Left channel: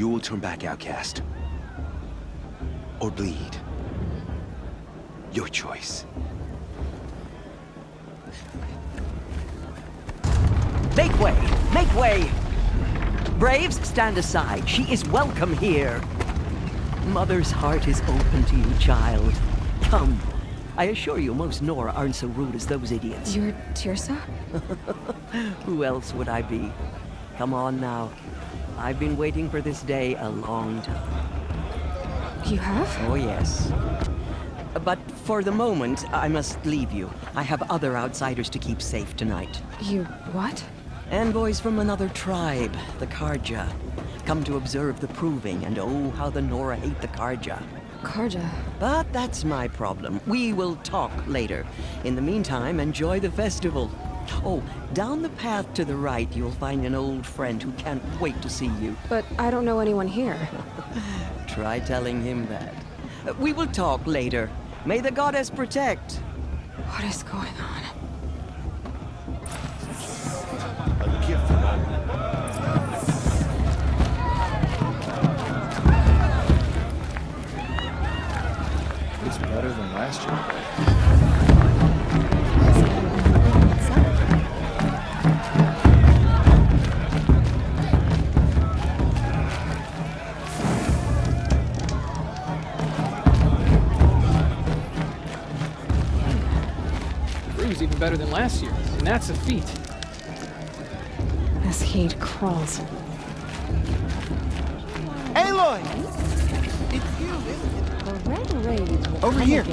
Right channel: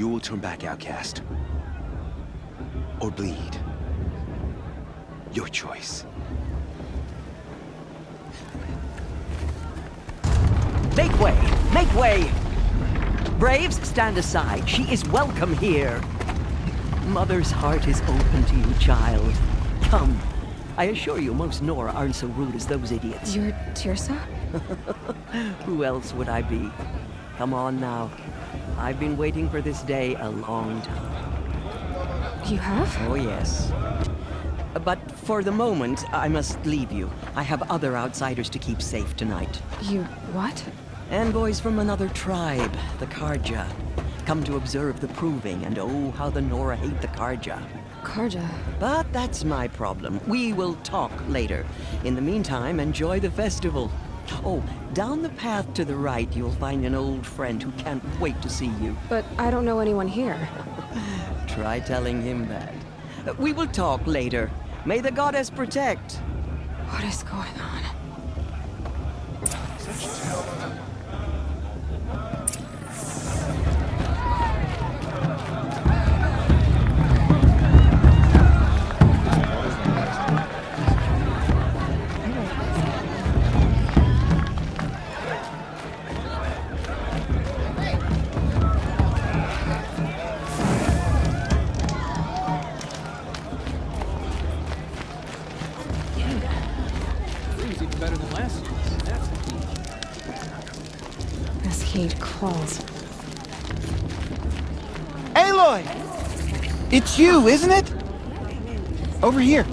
You will turn back outcast. Or bleed. Your choice. Make way! Make way! Braves, stand aside. She is welcome here. Mother's heart is open to you, child. Come. I assure you, most Nora aren't so rude as those idiots. You're Tirsa? Who else would I be? Come on now. I've been waiting for this day a long time. You have? Oh, yes. But for the moment, I must leave you. I have other outsiders to keep safe tonight. You what? Envoys from another tribe, the Karja. Come to observe the proving, and oh, how the Nora hate the Karja. Karja. But that's my problem. We will talk later. In the meantime, enjoy the festival. Oh, down the path to the right, you'll find an old friend who can't wait to see you. But I don't know anyone here. Try telling him that. We will talk later. May the goddess protect. What is going on? Even better than last year's, and that's a feat. This heat crawls. Aloy! It's you, isn't it? Over here.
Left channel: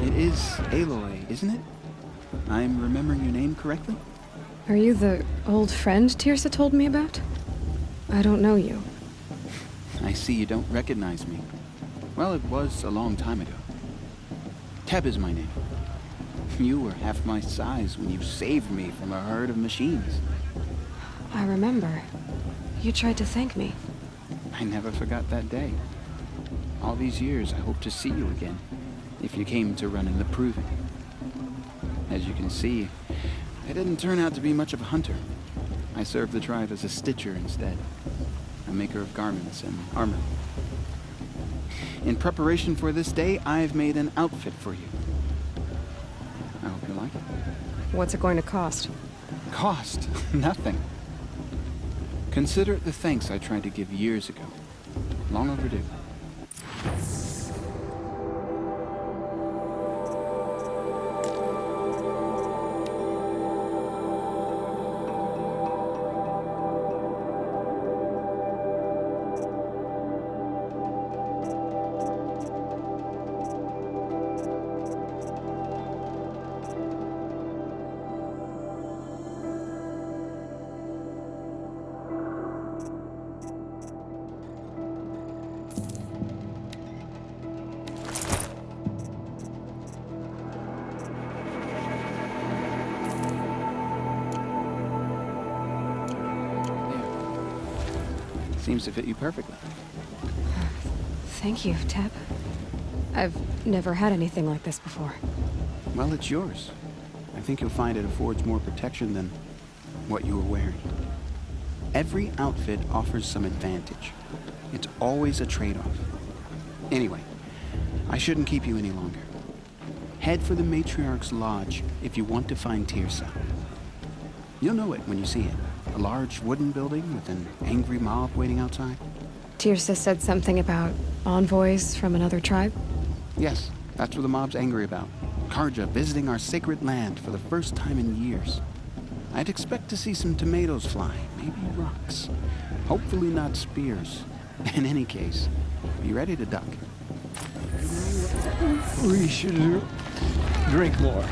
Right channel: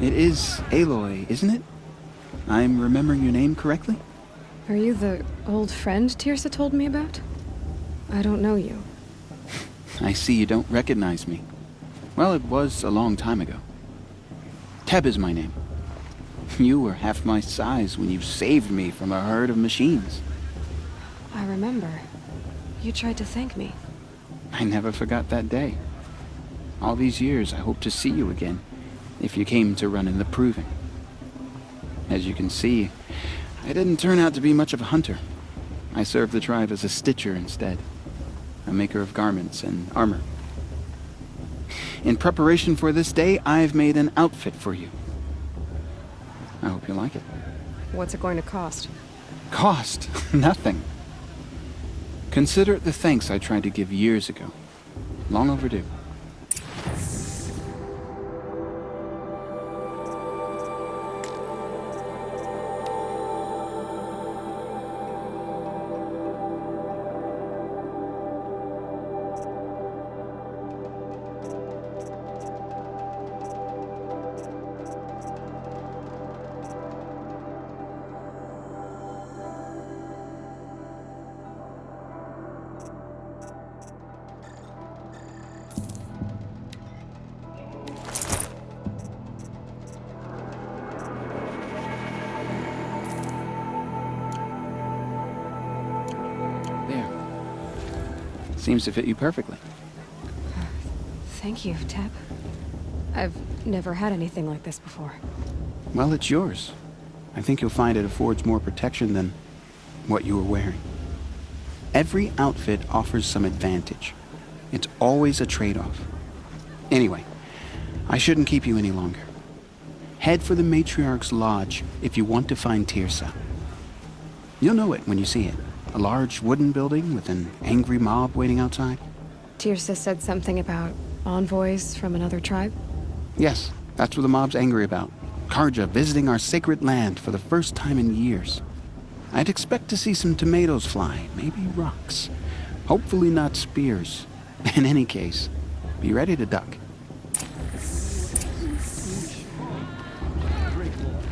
It is Aloy, isn't it? I'm remembering your name correctly? Are you the old friend Tirsa told me about? I don't know you. I see you don't recognize me. Well, it was a long time ago. Teb is my name. You were half my size when you saved me from a herd of machines. I remember. You tried to thank me. I never forgot that day. All these years, I hope to see you again, if you came to run in the proving. As you can see, I didn't turn out to be much of a hunter. I served the tribe as a stitcher instead, a maker of garments and armor. In preparation for this day, I've made an outfit for you. I hope you like it. What's it going to cost? Cost? Nothing. Consider it the thanks I tried to give years ago. Long overdue. Seems to fit you perfectly. Thank you, Teb. I've never had anything like this before. Well, it's yours. I think you'll find it affords more protection than what you were wearing. Every outfit offers some advantage. It's always a trade-off. Anyway, I shouldn't keep you any longer. Head for the Matriarch's Lodge if you want to find Tirsa. You'll know it when you see it. A large wooden building with an angry mob waiting outside. Tirsa said something about envoys from another tribe? Yes, that's what the mob's angry about. Karja visiting our sacred land for the first time in years. I'd expect to see some tomatoes fly, maybe rocks. Hopefully not spears. In any case, be ready to duck. We should drink more.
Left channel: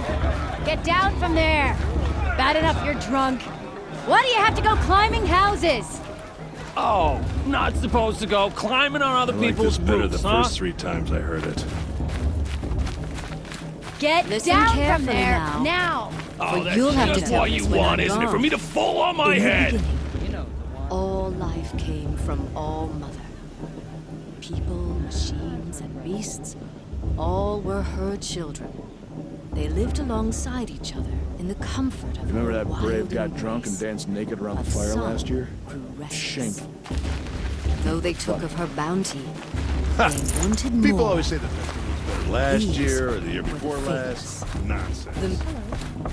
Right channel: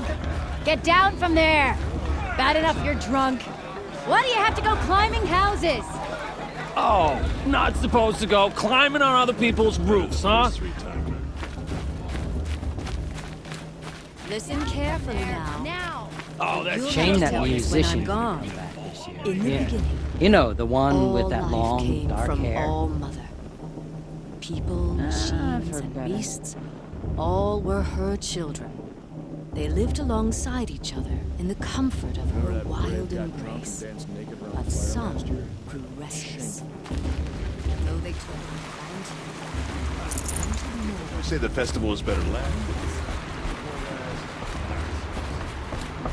dog! Get down from there! Bad enough you're drunk. Why do you have to go climbing houses? Oh, not supposed to go climbing on other people's roofs, the huh? first 3 times I heard it. Get Listen down from carefully there, now. now! Oh, that's you'll have to just tell what me you when want, I'm isn't it? For gone. me to fall on my In the head. beginning, You know, the one all with that life long, came dark from hair. All Mother. People, machines, and beasts, all were her children. They lived alongside each other in the comfort of Remember her that wild brave got embrace. drunk and danced naked around But the fire some last year? grew restless. Shameful. Though they took of her bounty, they wanted People more. always say the festival was better last year or the year before last. Nonsense.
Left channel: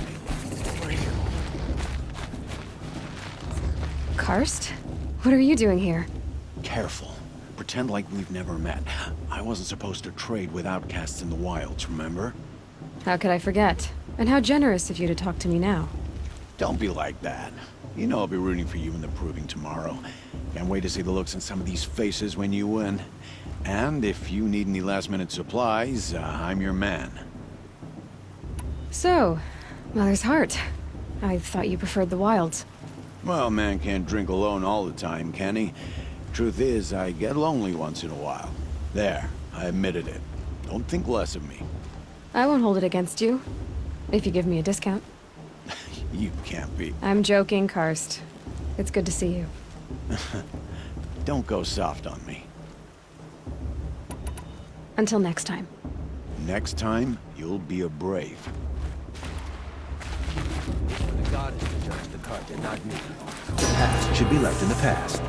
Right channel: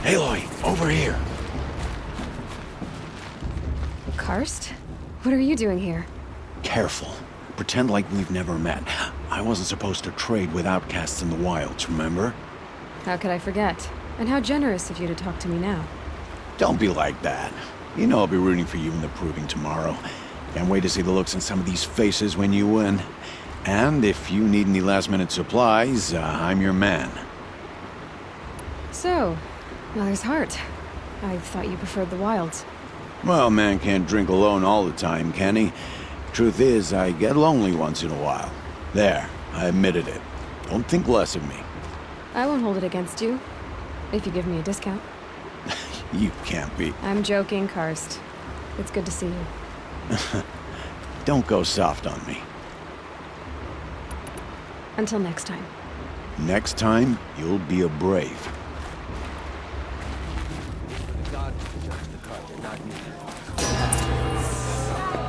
Aloy, over here. Karst? What are you doing here? Careful. Pretend like we've never met. I wasn't supposed to trade with outcasts in the wilds, remember? How could I forget? And how generous of you to talk to me now. Don't be like that. You know I'll be rooting for you in the proving tomorrow. Can't wait to see the looks on some of these faces when you win. And if you need any last-minute supplies, I'm your man. So, Mother's Heart. I thought you preferred the wilds. Well, man can't drink alone all the time, can he? Truth is, I get lonely once in a while. There, I admitted it. Don't think less of me. I won't hold it against you, if you give me a discount. You can't be. I'm joking, Karst. It's good to see you. Don't go soft on me. Until next time. Next time, you'll be a brave. The gods to judge the Carja, not me. That should be right in the past.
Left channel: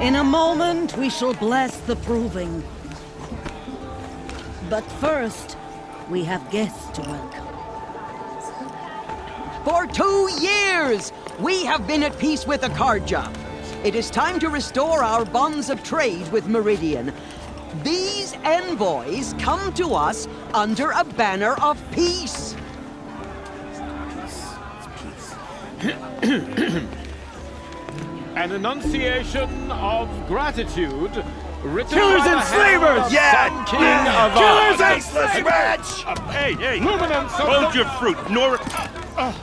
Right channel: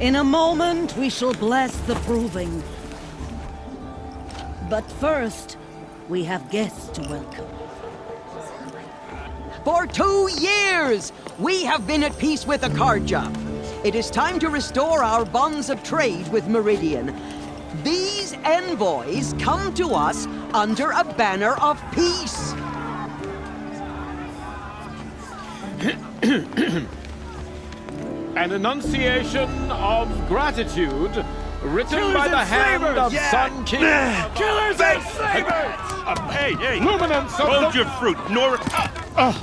In a moment, we shall bless the proving. But first, we have guests to welcome. For 2 years, we have been at peace with the Carja. It is time to restore our bonds of trade with Meridian. These envoys come to us under a banner of peace. An enunciation of gratitude written Killers by the and hand slavers! of Sun King of Killers and slavers! Hey, hey! Luminance of Hold the... your fruit,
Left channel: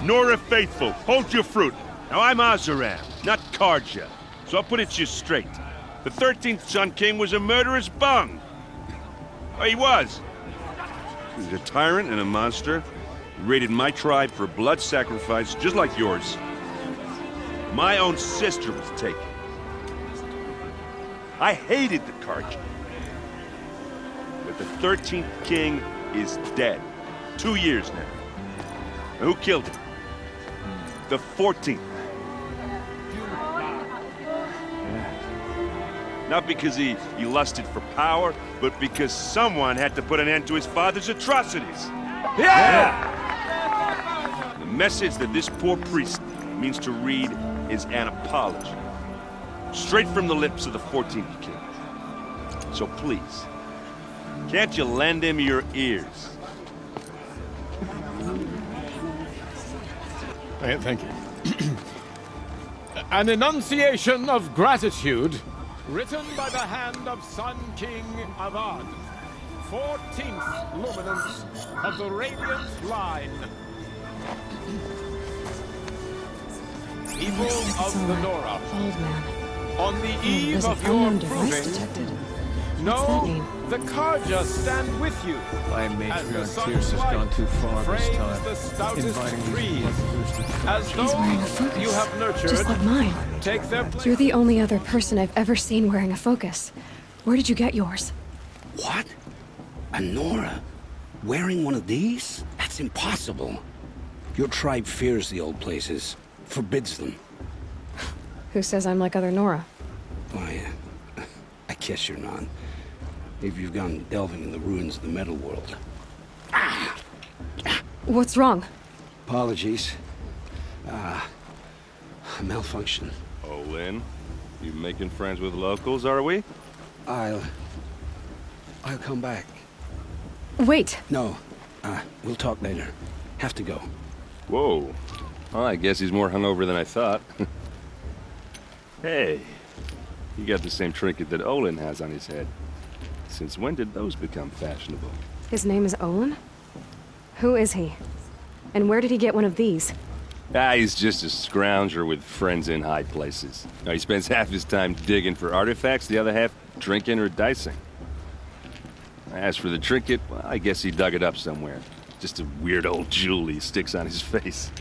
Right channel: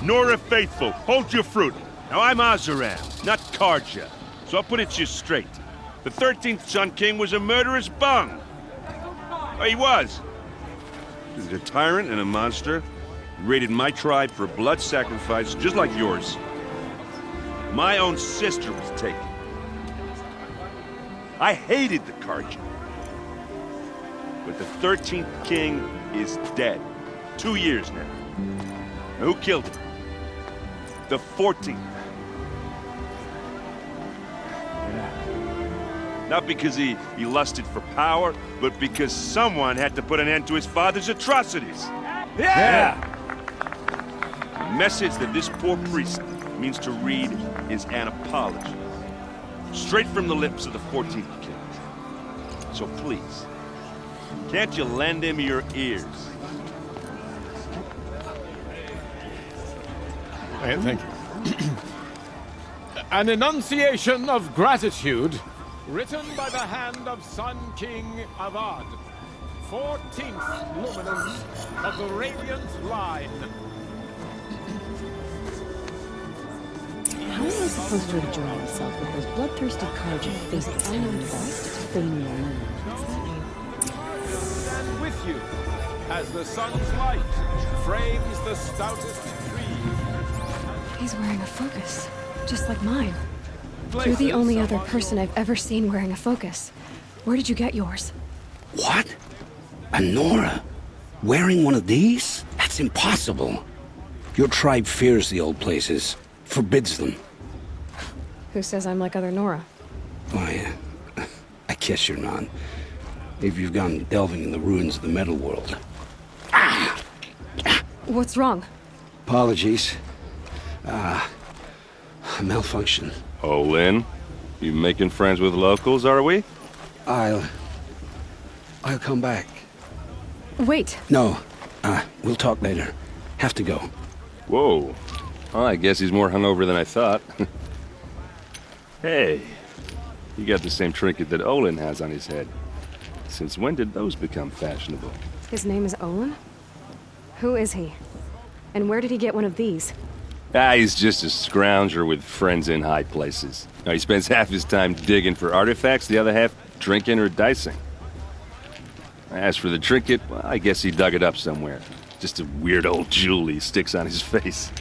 Nora Faithful. Hold your fruit. Now I'm Azaram, not Karja, so I'll put it to you straight. The 13th Sun King was a murderous bung. Oh, he was. He's a tyrant and a monster. He raided my tribe for blood sacrifice, just like yours. My own sister was taken. I hated the Karja. But the 13th king is dead. 2 years now. And who killed him? The 14th. Yeah. Not because he lusted for power, but because someone had to put an end to his father's atrocities. Yeah! The message that this poor priest means to read is an apology. Straight from the lips of the 14th king. So please, can't you lend him your ears? Thank you. An enunciation of gratitude written by the hand of Sun King Avad, 14th luminance of the Radiant Line. People of the Nora, Old man. on the eve There's an of your unknown device proving, detected. What's that know mean? the Karja stand with you as the sun's light frames the stoutest trees. As He's those wearing a you focus, have nurtured just like mine. take their You're the places only other among person I've ever seen wearing a focus. Where did you get yours? What? A Nora? Wearing one of these? That's impossible. Your tribe fears the old places, forbids them. Who says I'm like other Nora? Why, I guess you're not. If you've gone delving in the ruins of the metal world. What's wrong? Apologies. A malfunction. Oh, Lynn, you making friends with locals, are we? I'll come back. Wait. No, we'll talk later. Have to go. Whoa. Well, I guess he's more hungover than I thought. Hey, you got the same trinket that Olin has on his head. Since when did those become fashionable? His name is Olin? Who is he? And where did he get one of these? He's just a scrounger with friends in high places. Now, he spends half his time digging for artifacts, the other half drinking or dicing. As for the trinket, well, I guess he dug it up somewhere. Just a weird old jewel he sticks on his face.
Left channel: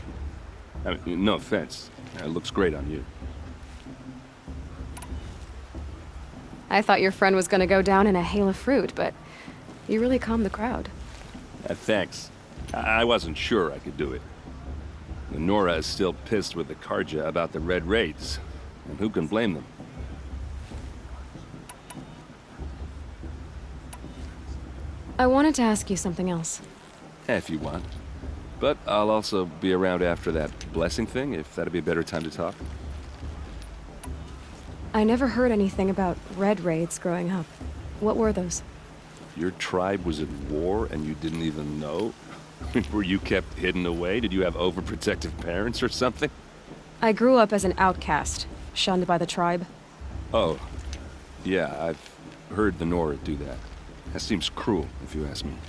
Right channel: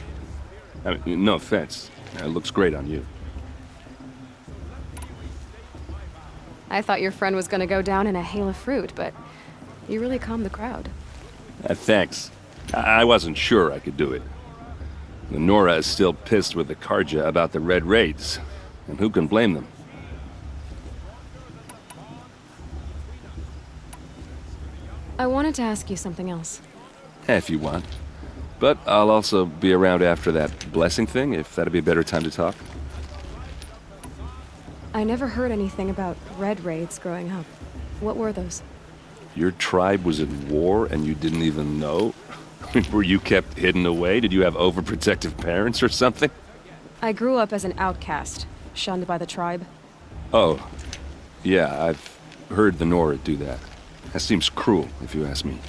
I mean, no offense. It looks great on you. I thought your friend was gonna go down in a hail of fruit, but you really calmed the crowd. Thanks. I wasn't sure I could do it. The Nora is still pissed with the Karja about the Red Raids, and who can blame them? I wanted to ask you something else. If you want. But I'll also be around after that blessing thing, if that'd be a better time to talk. I never heard anything about Red Raids growing up. What were those? Your tribe was at war and you didn't even know? Were you kept hidden away? Did you have overprotective parents or something? I grew up as an outcast, shunned by the tribe. Oh, yeah, I've heard the Nora do that. That seems cruel, if you ask me.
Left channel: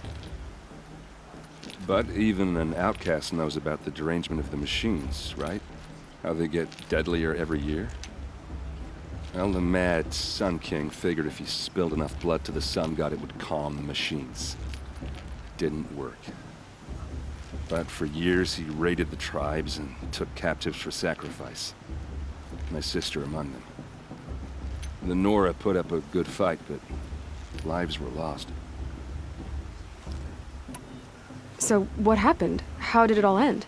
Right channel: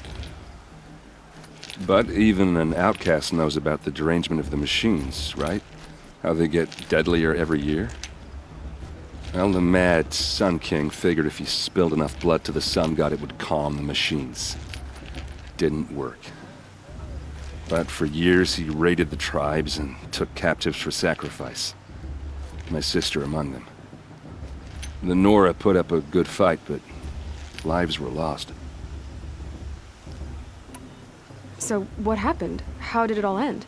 But even an outcast knows about the derangement of the machines, right? How they get deadlier every year? Well, the mad Sun King figured if he spilled enough blood to the Sun God, it would calm the machines. Didn't work. But for years, he raided the tribes and took captives for sacrifice. My sister among them. The Nora put up a good fight, but lives were lost. So what happened? How did it all end?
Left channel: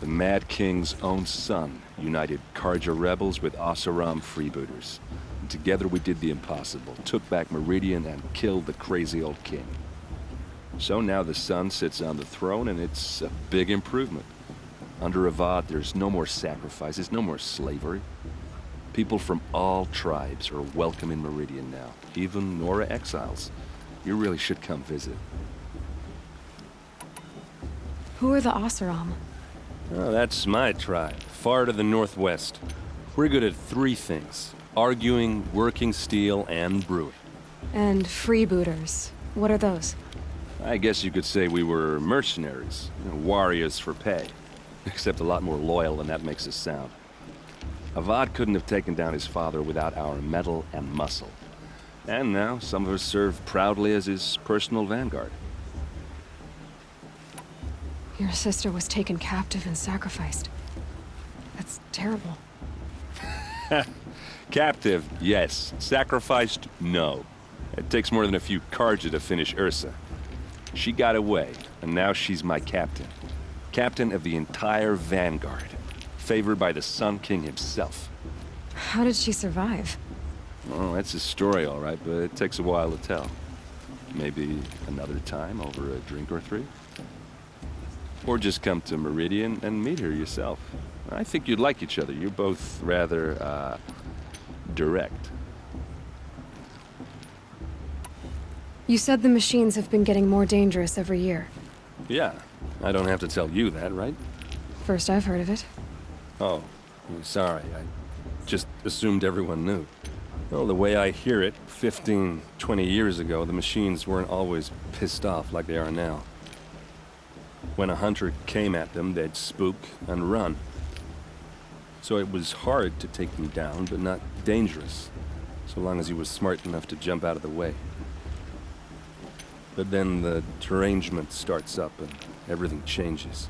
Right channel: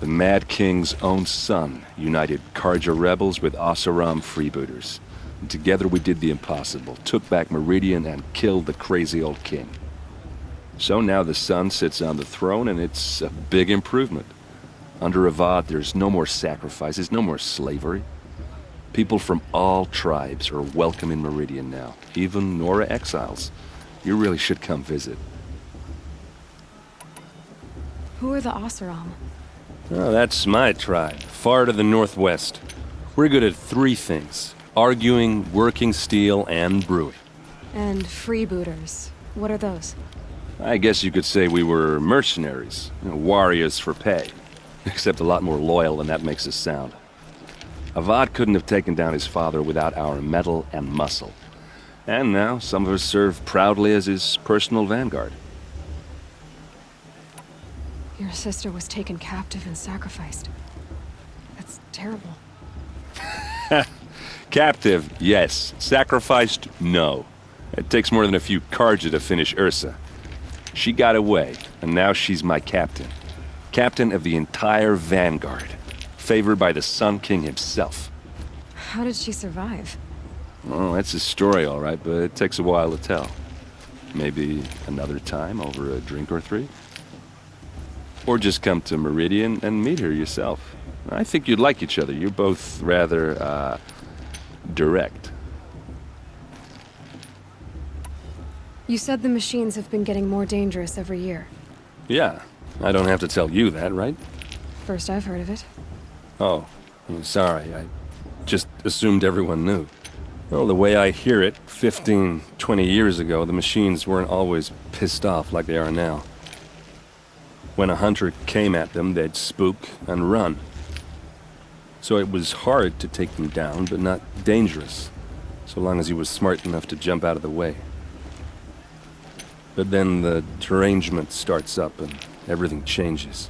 The Mad King's own son united Karja rebels with Oseram freebooters. And together we did the impossible, took back Meridian and killed the crazy old king. So now the son sits on the throne and it's a big improvement. Under Avad, there's no more sacrifices, no more slavery. People from all tribes are welcome in Meridian now, even Nora exiles. You really should come visit. Who are the Oseram? Oh, that's my tribe, far to the northwest. We're good at three things: arguing, working steel, and brewing. And freebooters. What are those? I guess you could say we were mercenaries, warriors for pay. Except a lot more loyal than that makes us sound. Avad couldn't have taken down his father without our metal and muscle. And now some of us serve proudly as his personal vanguard. Your sister was taken captive and sacrificed. That's terrible. Captive, yes. Sacrificed, no. It takes more than a few Karja to finish Ursa. She got away, and now she's my captain. Captain of the entire vanguard. Favored by the Sun King himself. How did she survive? Oh, that's a story, all right, but it takes a while to tell. Maybe another time over a drink or three? Or just come to Meridian and meet her yourself. I think you'd like each other. You're both rather, direct. You said the machines have been getting more dangerous every year. Yeah, I don't have to tell you that, right? First I've heard of it. Oh, I'm sorry. I just assumed everyone knew. Well, the way I hear it, 15, 20 years ago, the machines weren't always pissed off like they are now. When a hunter came at them, they'd spook and run. So it was hard to take them down, but not dangerous, so long as he was smart enough to jump out of the way. But then the derangement starts up and everything changes.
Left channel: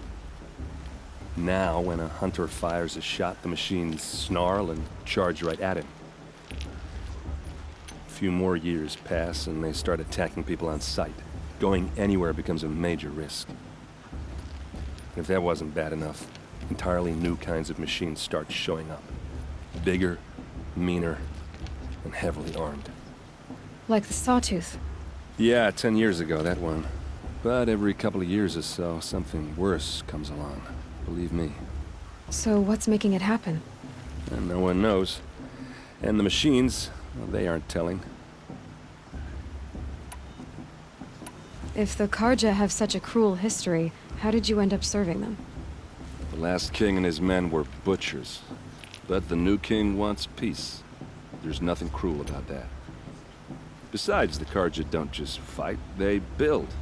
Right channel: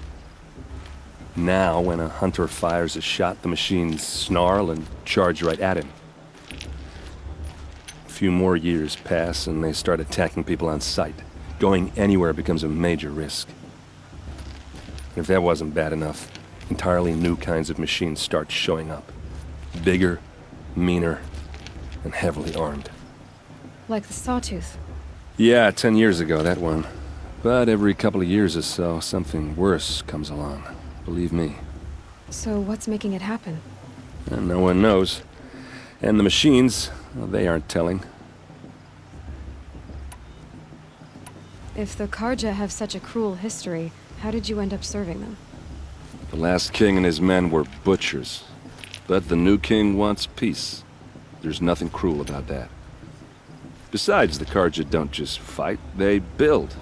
Now, when a hunter fires a shot, the machines snarl and charge right at him. A few more years pass and they start attacking people on sight. Going anywhere becomes a major risk. If that wasn't bad enough, entirely new kinds of machines start showing up. Bigger, meaner, and heavily armed. Like the Sawtooth. Yeah, 10 years ago, that one. But every couple of years or so, something worse comes along. Believe me. So what's making it happen? And no one knows. And the machines, well, they aren't telling. If the Karja have such a cruel history, how did you end up serving them? The last king and his men were butchers. But the new king wants peace. There's nothing cruel about that. Besides, the Karja don't just fight, they build.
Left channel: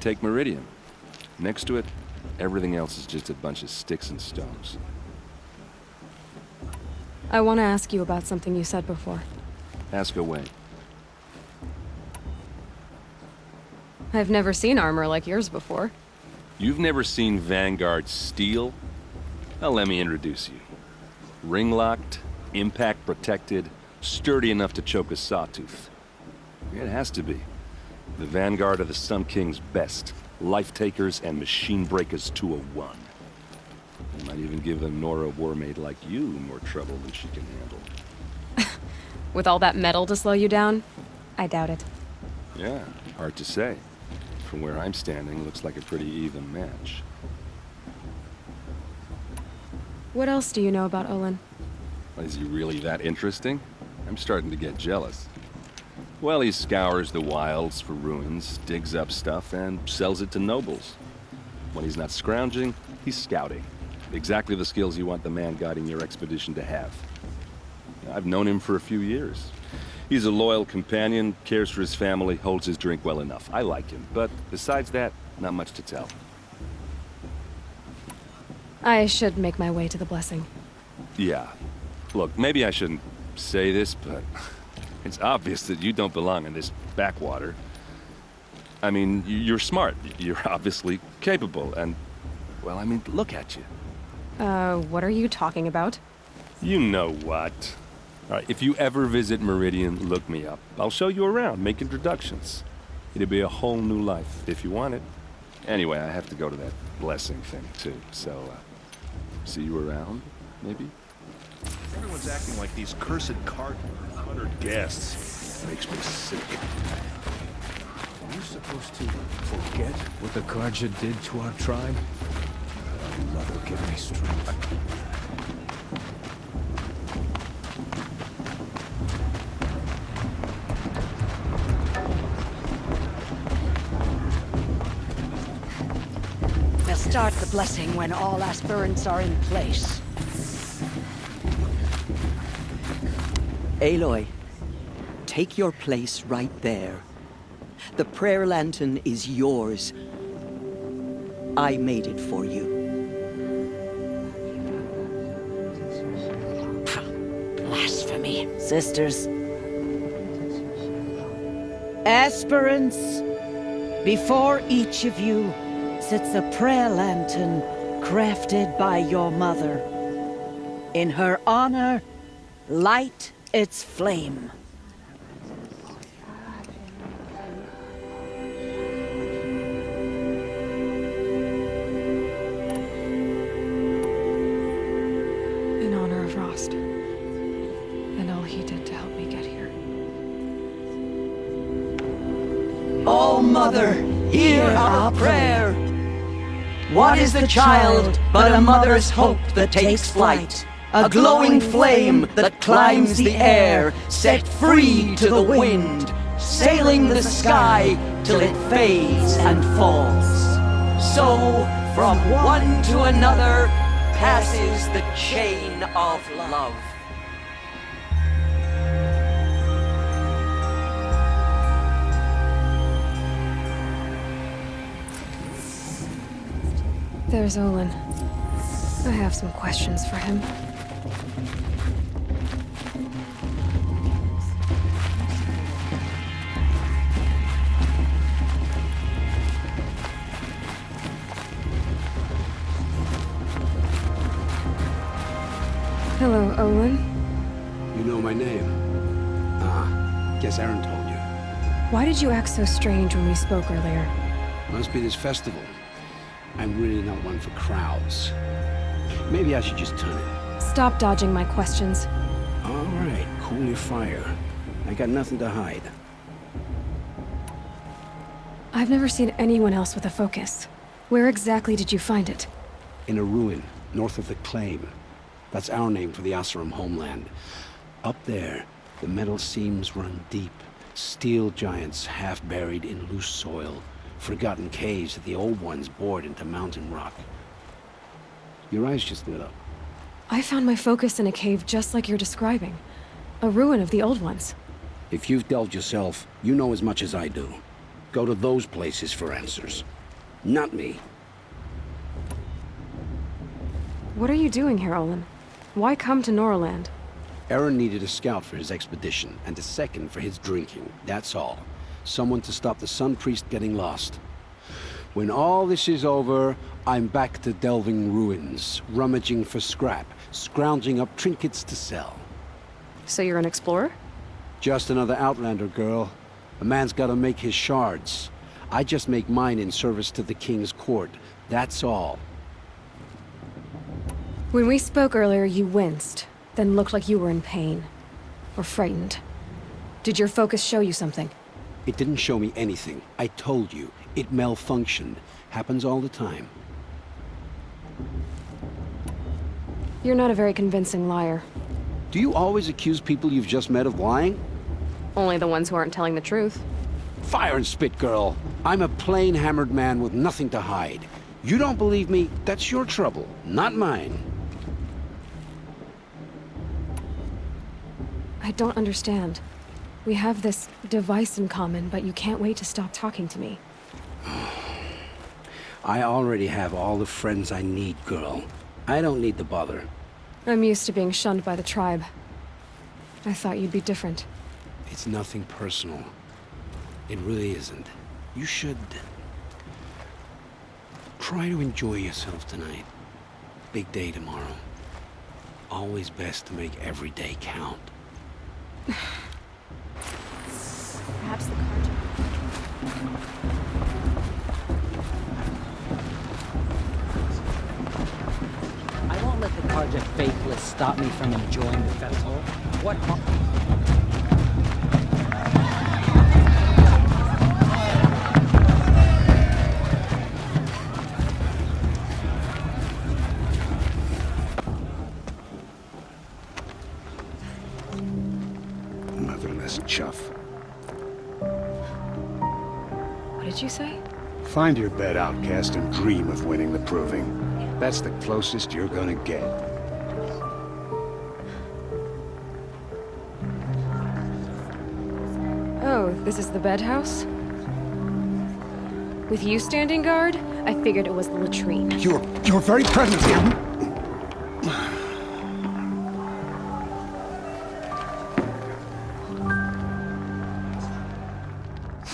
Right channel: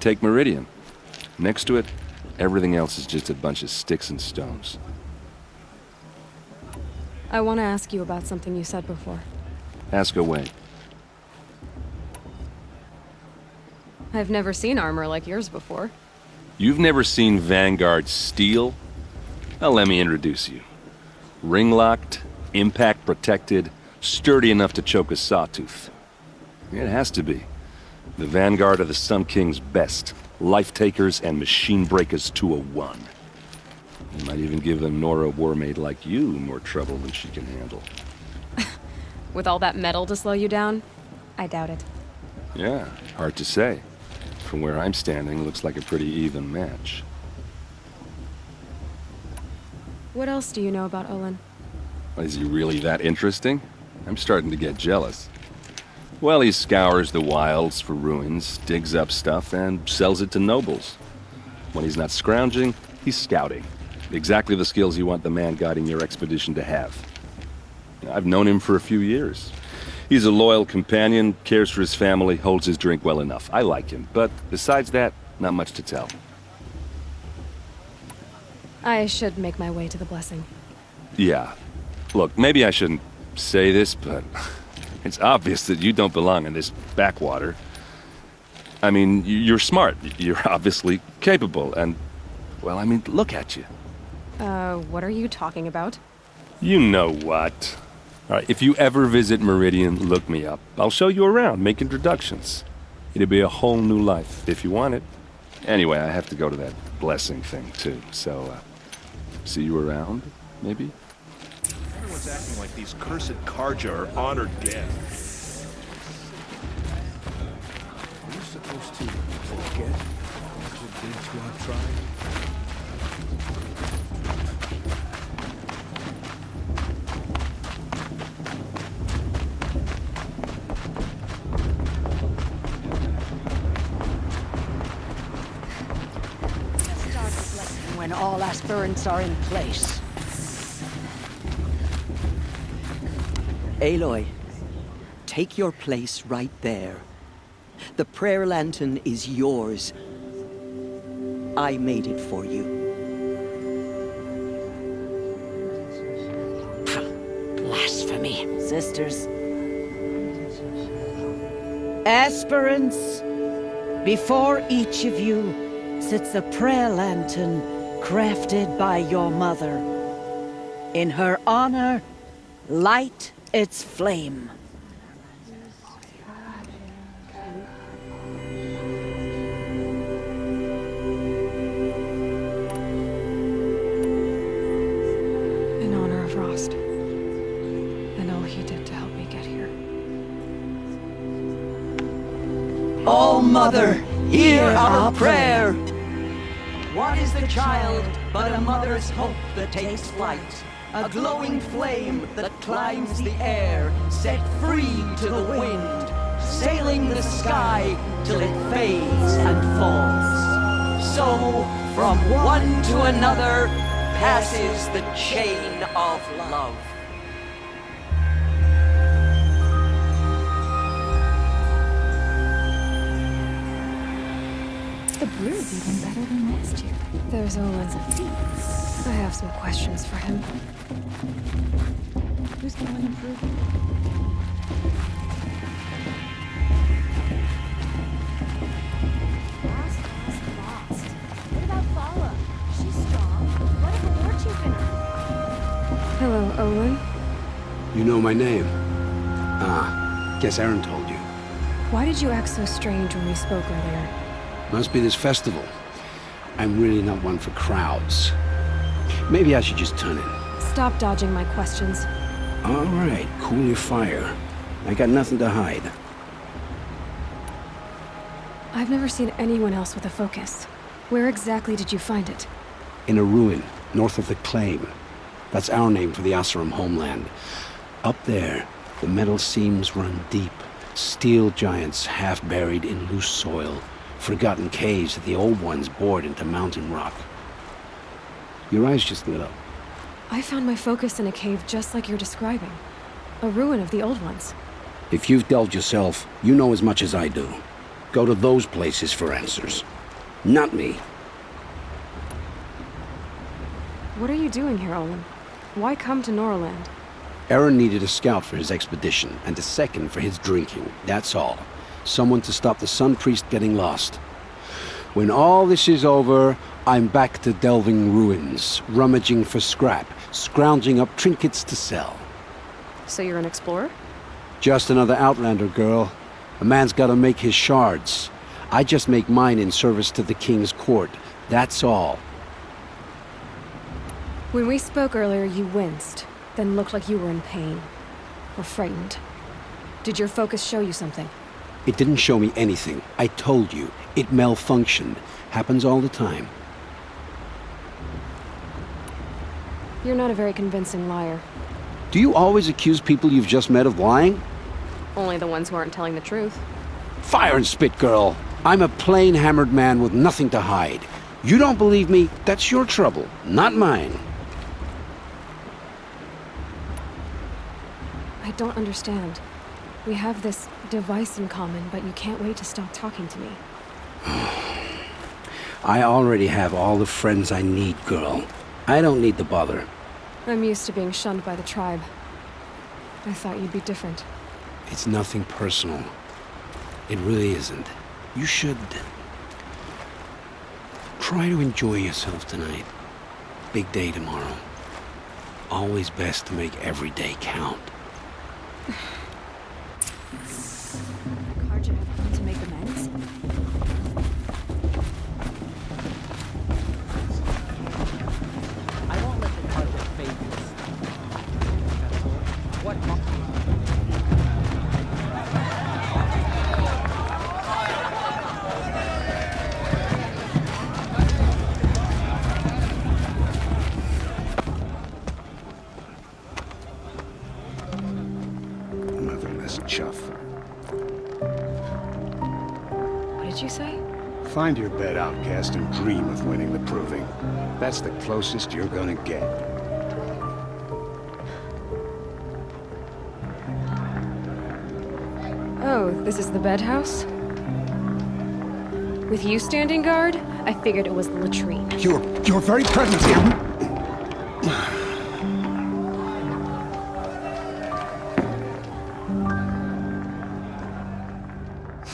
Take Meridian. Next to it, everything else is just a bunch of sticks and stones. I want to ask you about something you said before. Ask away. I've never seen armor like yours before. You've never seen Vanguard steel? Well, let me introduce you. Ring-locked, impact-protected, sturdy enough to choke a sawtooth. It has to be. The Vanguard of the Sun King's best. Life-takers and machine breakers to a one. You might even give a Nora warmaid like you more trouble than she can handle. With all that metal to slow you down? I doubt it. Yeah, hard to say. From where I'm standing, looks like a pretty even match. What else do you know about Olin? Is he really that interesting? I'm starting to get jealous. Well, he scours the wilds for ruins, digs up stuff, and sells it to nobles. When he's not scrounging, he's scouting. Exactly the skills you want the man guiding your expedition to have. I've known him for a few years. He's a loyal companion, cares for his family, holds his drink well enough. I like him, but besides that, not much to tell. I should make my way to the blessing. Yeah. Look, maybe I shouldn't say this, but it's obvious that you don't belong in this backwater. I mean, you're smart. You're obviously capable, and, well, I mean, look at you. What are you talking about? You know what. All right, if you ever visit Meridian, look me up. I'll show you around, make introductions. It'll be a whole new life, if you want it. Anyway, I have to go to that blessing thing, too, so, see you around, maybe? Everyone's acting like these cursed Karja are honored guests. Makes me sick. Are you supposed to forget what the Karja did to our tribe? We'll start the blessing when all aspirants are in place. Aloy, take your place right there. The prayer lantern is yours. I made it for you. Blasphemy, sisters. Aspirants, before each of you sits a prayer lantern crafted by your mother. In her honor, light its flame. In honor of Rost. And all he did to help me get here. Oh, Mother, hear our prayer. What is the child but a mother's hope that takes flight? A glowing flame that climbs the air, set free to the wind, sailing the sky till it fades and falls. So, from one to another, passes the chain of love. The beer is even better than last year. There's Olin. I have some questions for him. Hello, Olin. You know my name? Ah, guess Aaron told you. Why did you act so strange when we spoke earlier? Must be this festival. I'm really not one for crowds. Maybe I should just turn in. Stop dodging my questions. All right, cool your fire. I got nothing to hide. I've never seen anyone else with a focus. Where exactly did you find it? In a ruin, north of the Claim. That's our name for the Oseram homeland. Up there, the metal seams run deep. Steel giants half buried in loose soil. Forgotten caves that the old ones bored into mountain rock. Your eyes just lit up. I found my focus in a cave just like you're describing. A ruin of the old ones. If you've delved yourself, you know as much as I do. Go to those places for answers. Not me. What are you doing here, Olin? Why come to Norland? Aaron needed a scout for his expedition, and a second for his drinking. That's all. Someone to stop the Sun Priest getting lost. When all this is over, I'm back to delving ruins, rummaging for scrap, scrounging up trinkets to sell. So you're an explorer? Just another Outlander, girl. A man's gotta make his shards. I just make mine in service to the King's court. That's all. When we spoke earlier, you winced, then looked like you were in pain. Or frightened. Did your focus show you something? It didn't show me anything. I told you. It malfunctioned. Happens all the time. You're not a very convincing liar. Do you always accuse people you've just met of lying? Only the ones who aren't telling the truth. Fire and spit, girl. I'm a plain hammered man with nothing to hide. You don't believe me, that's your trouble, not mine. I don't understand. We have this device in common, but you can't wait to stop talking to me. I already have all the friends I need, girl. I don't need the bother. I'm used to being shunned by the tribe. I thought you'd be different. It's nothing personal. It really isn't. You should try to enjoy yourself tonight. Big day tomorrow. Always best to make every day count. Perhaps the Karja have I won't let the Karja faithless stop me from enjoying the festival. What? Motherless chuff. What did you say? Find your bed, outcast, and dream of winning the proving. That's the closest you're gonna get. Oh, this is the bedhouse? With you standing guard, I figured it was the latrine. Your very presence here.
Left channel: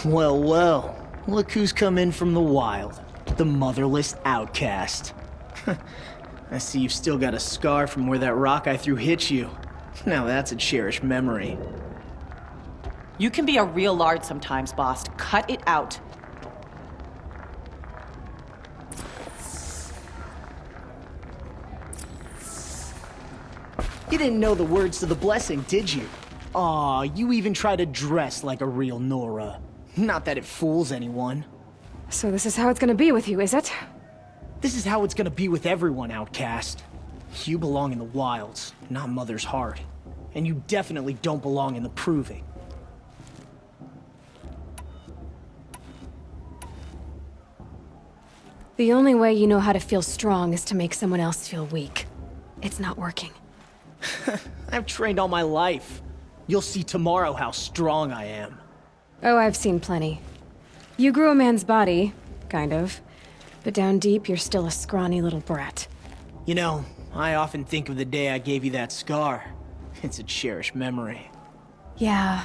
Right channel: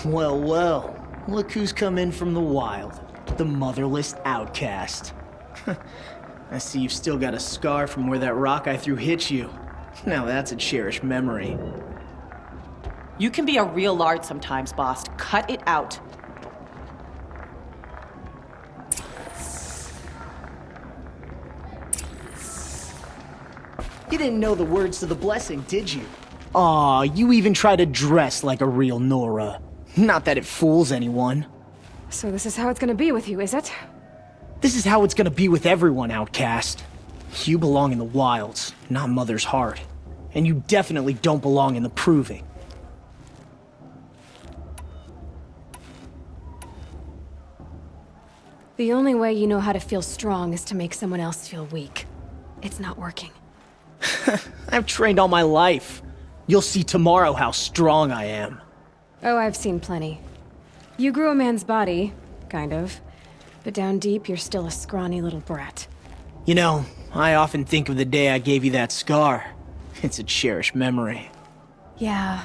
Well, well. Look who's come in from the wild. The motherless outcast. I see you've still got a scar from where that rock I threw hit you. Now that's a cherished memory. You can be a real lard sometimes, boss. Cut it out. You didn't know the words to the blessing, did you? Aw, you even try to dress like a real Nora. Not that it fools anyone. So this is how it's gonna be with you, is it? This is how it's gonna be with everyone, outcast. You belong in the wilds, not Mother's heart. And you definitely don't belong in the proving. The only way you know how to feel strong is to make someone else feel weak. It's not working. I've trained all my life. You'll see tomorrow how strong I am. Oh, I've seen plenty. You grew a man's body, kind of. But down deep, you're still a scrawny little brat. You know, I often think of the day I gave you that scar. It's a cherished memory. Yeah.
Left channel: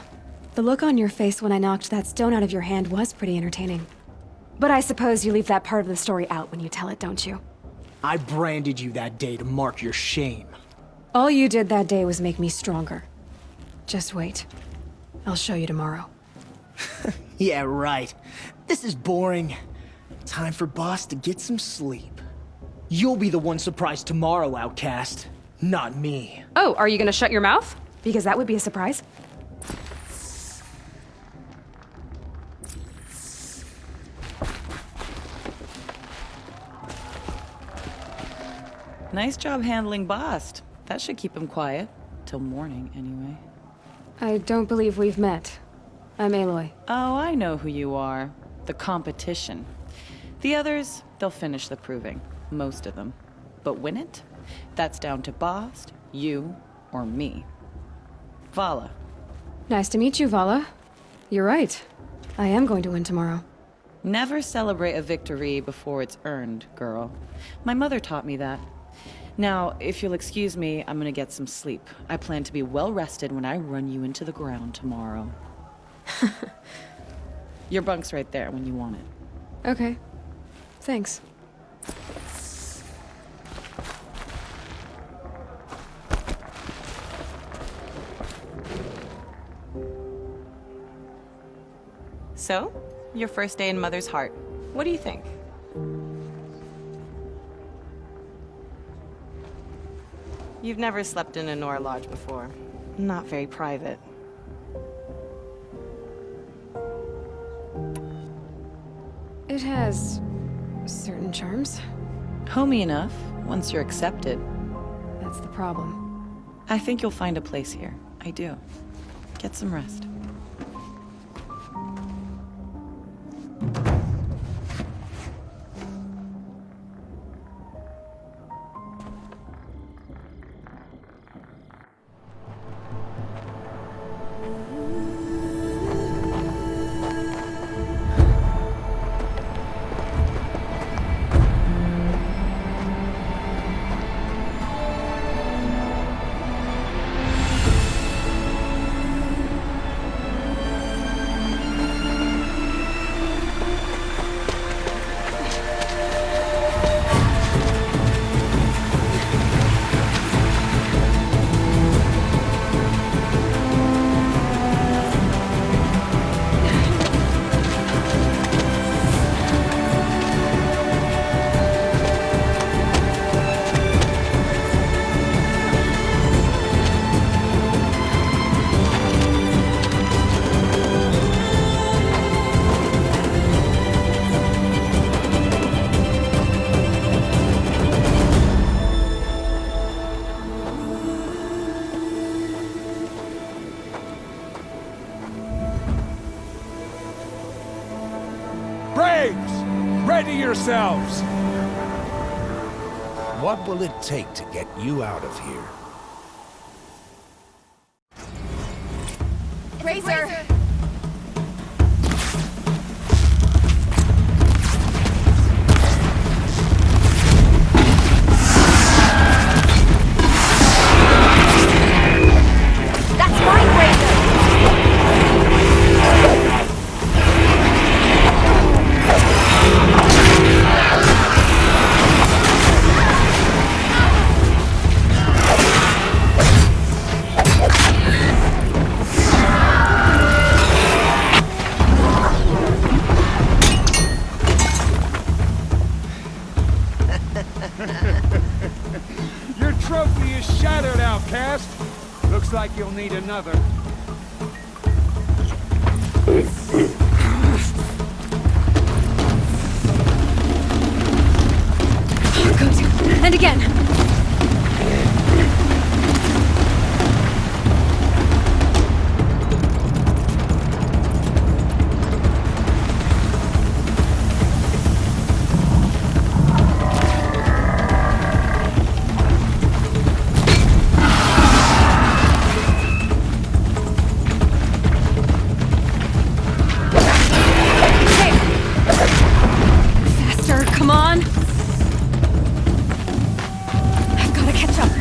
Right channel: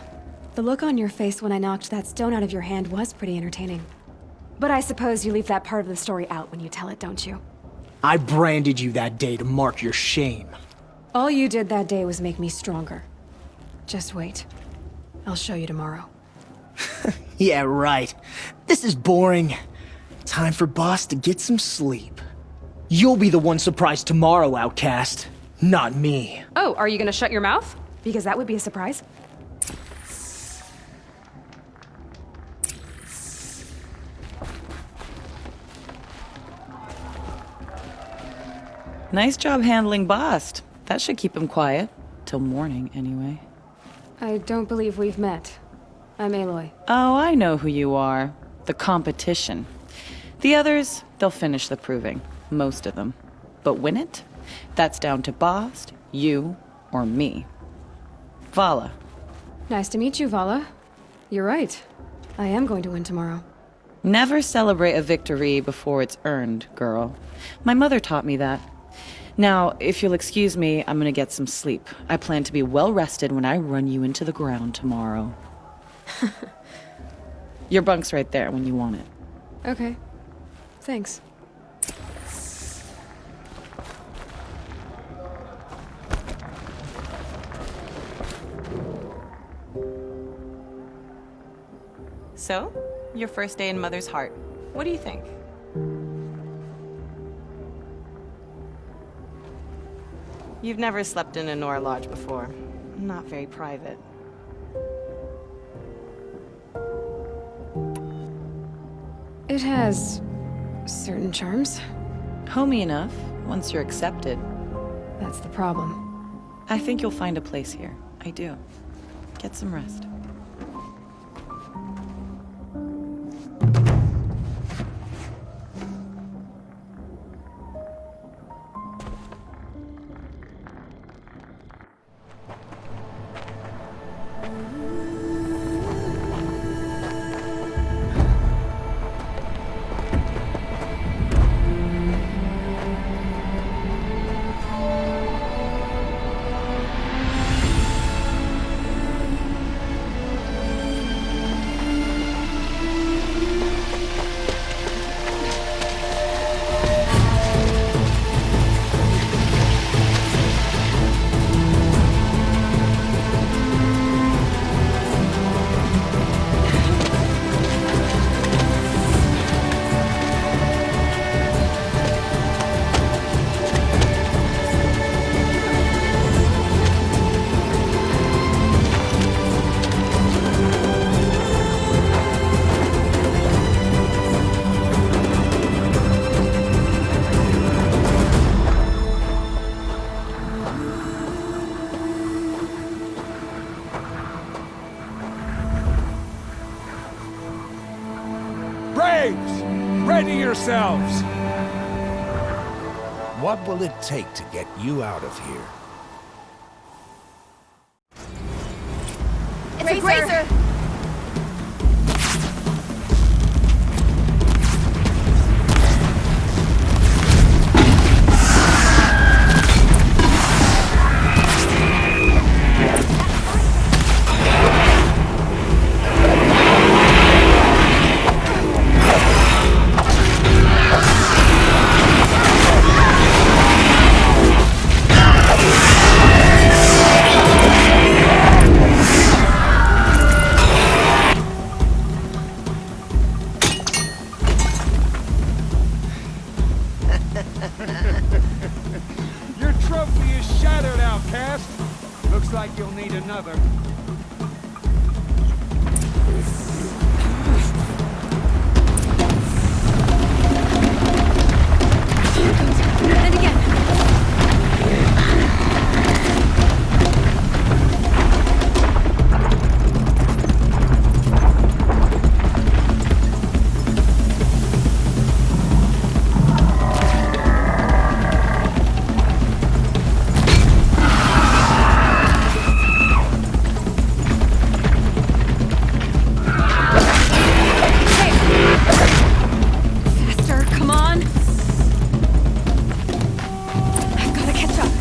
The look on your face when I knocked that stone out of your hand was pretty entertaining. But I suppose you leave that part of the story out when you tell it, don't you? I branded you that day to mark your shame. All you did that day was make me stronger. Just wait. I'll show you tomorrow. Yeah, right. This is boring. Time for Boss to get some sleep. You'll be the one surprised tomorrow, outcast. Not me. Oh, are you gonna shut your mouth? Because that would be a surprise. Nice job handling Bast. That should keep him quiet. Till morning, anyway. I don't believe we've met. I'm Aloy. Oh, I know who you are. The competition. The others, they'll finish the proving. Most of them. But win it? That's down to Bast, you, or me. Vala. Nice to meet you, Vala. You're right. I am going to win tomorrow. Never celebrate a victory before it's earned, girl. My mother taught me that. Now, if you'll excuse me, I'm gonna get some sleep. I plan to be well rested when I run you into the ground tomorrow. Your bunk's right there when you want it. Okay. Thanks. So, your first day in Mother's Heart. What do you think? You've never slept in a Nora Lodge before. Not very private. It has certain charms. Homey enough, once you're accepted. That's the problem. I think you'll find a place here. I do. Get some rest. Braves! Ready yourselves! What will it take to get you out of here? It's a grazer! That's my grazer! Your trophy is shattered, outcast. Looks like you'll need another. And again. Faster, come on. I've got to catch up.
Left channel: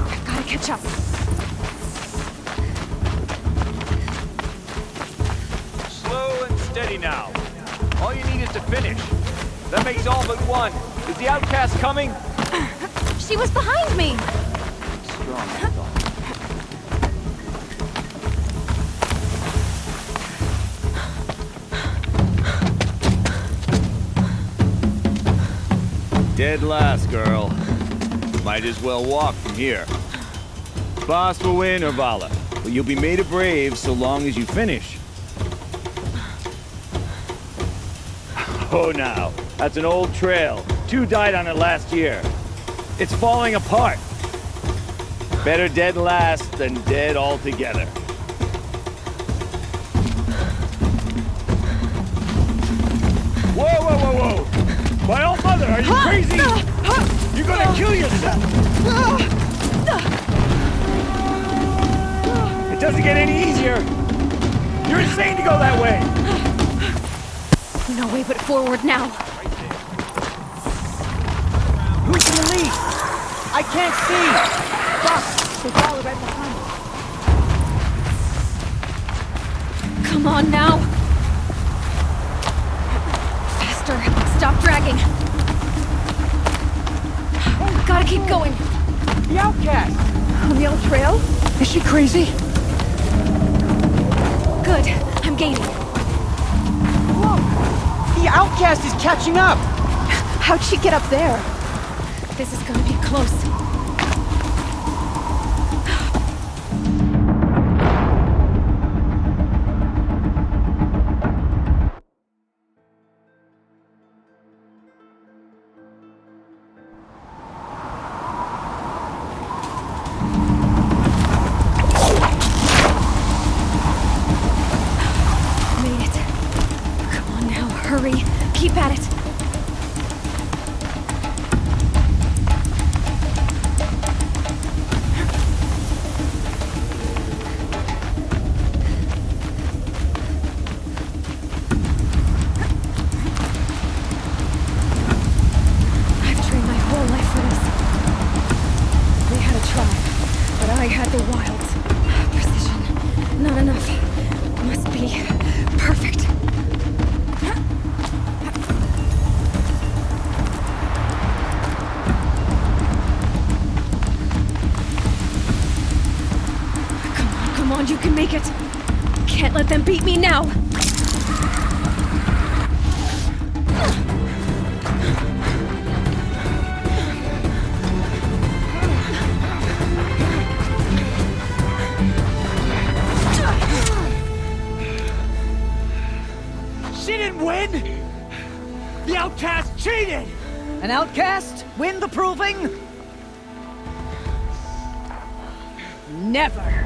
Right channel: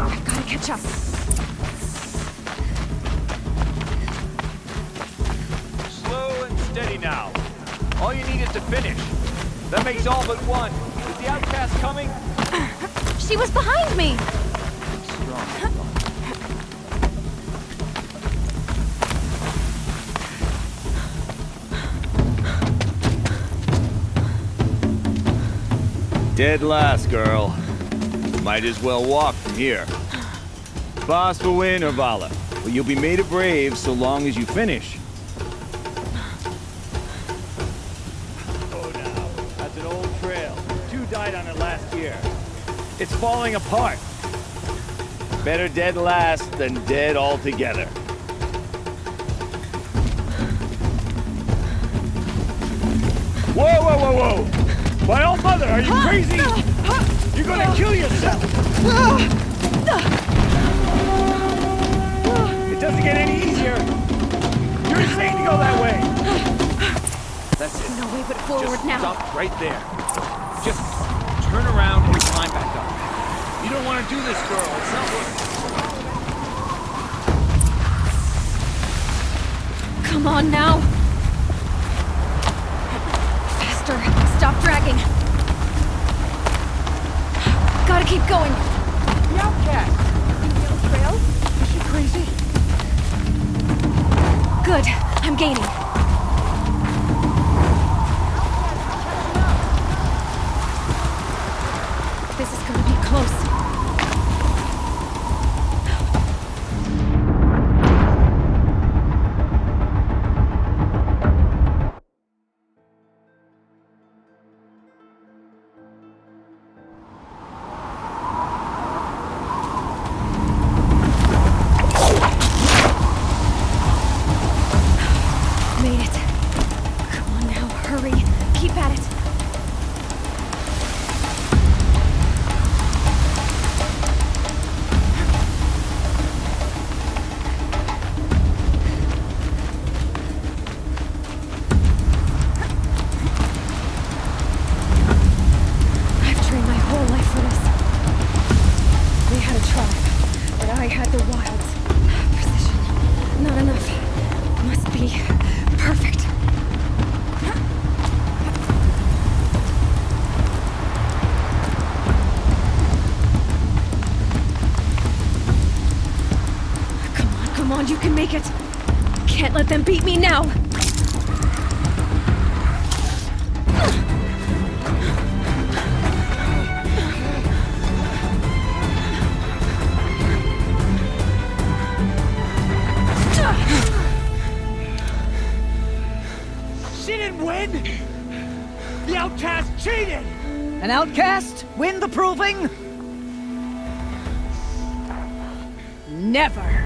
I've got to catch up. Slow and steady now. All you need is to finish. That makes all but one. Is the outcast coming? She was behind me! Strong. Dead last, girl. Might as well walk from here. Boss will win or Vala, but you'll be made a brave so long as you finish. Oh, now. That's an old trail. 2 died on it last year. It's falling apart. Better dead last than dead altogether. Whoa, whoa, whoa, whoa! My old mother, are you crazy? You're gonna kill yourself! It doesn't get any easier! You're insane to go that way! No way but forward now. Right there. Turn around. Who's in the lead? I can't see! Come on now. Faster. Stop dragging. Gotta keep going. The outcast! On the old trail? Is she crazy? Good. I'm gaining. The outcast is catching up! How'd she get up there? This is gonna be close. Made it. Come on now, hurry. Keep at it. I've trained my whole life for this. They had a tribe, but I had the wilds. Precision. Not enough. Must be perfect. Come on, you can make it. Can't let them beat me now. She didn't win! The outcast cheated! An outcast win the proving? Never.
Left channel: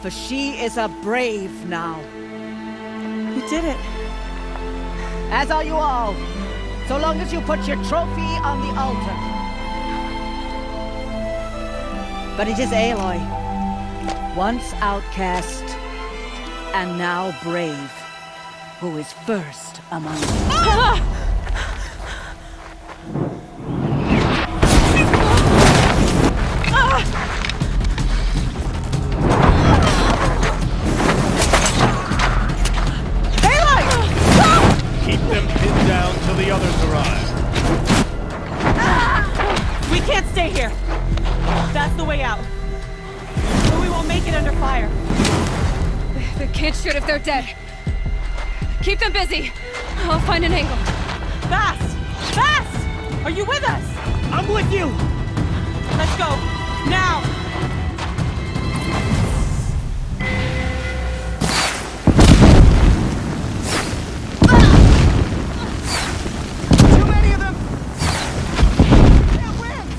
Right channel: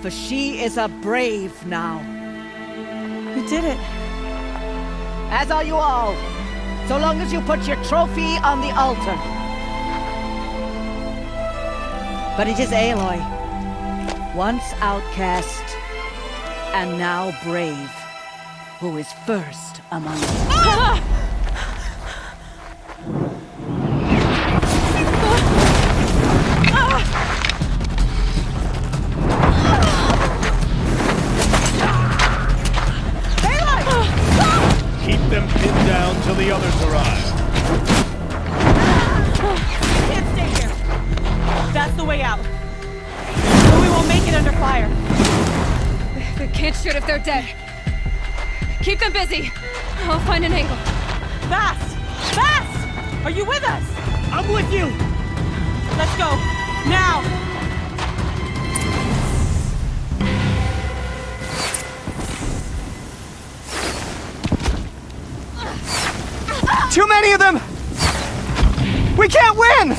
For she is a brave now. You did it. As are you all. So long as you put your trophy on the altar. But it is Aloy. Once outcast, and now brave, who is first among us. Ah! Keep them pinned down till the others arrive. We can't stay here. That's the way out. Or we won't make it under fire. They can't shoot if they're dead. Keep them busy. I'll find an angle. Fast! Fast! Are you with us? I'm with you! Let's go. Now! Too many of them! We can't win!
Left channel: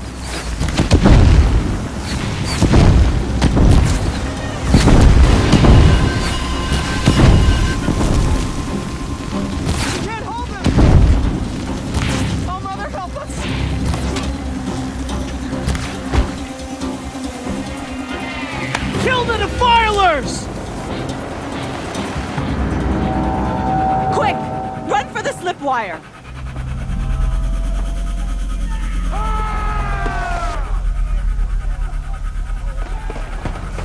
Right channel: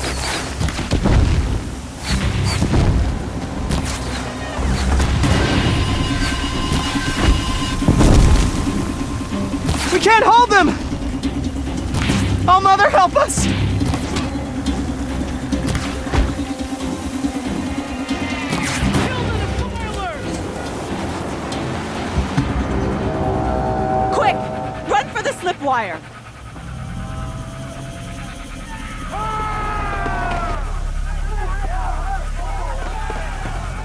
We can't hold them! Oh, Mother, help us! Kill the defilers! Quick! Run for the slip wire!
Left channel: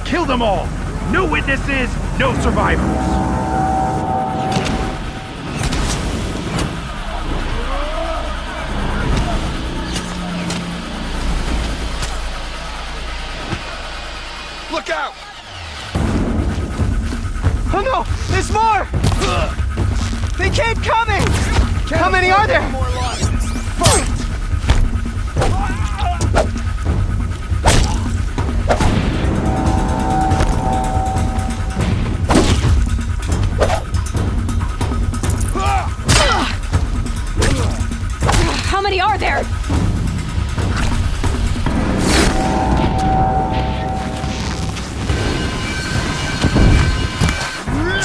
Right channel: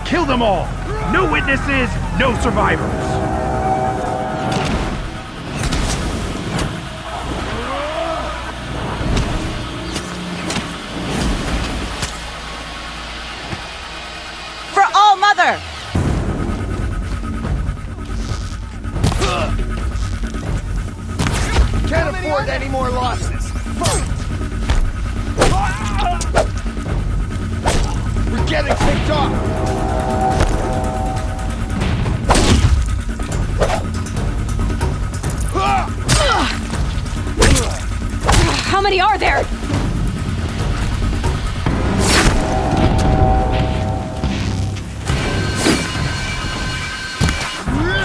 Kill them all! No witnesses, no survivors! For all Mother! Oh no! There's more! They keep coming! How many are there? Any more losses? Fight! We're getting picked off! How many are there?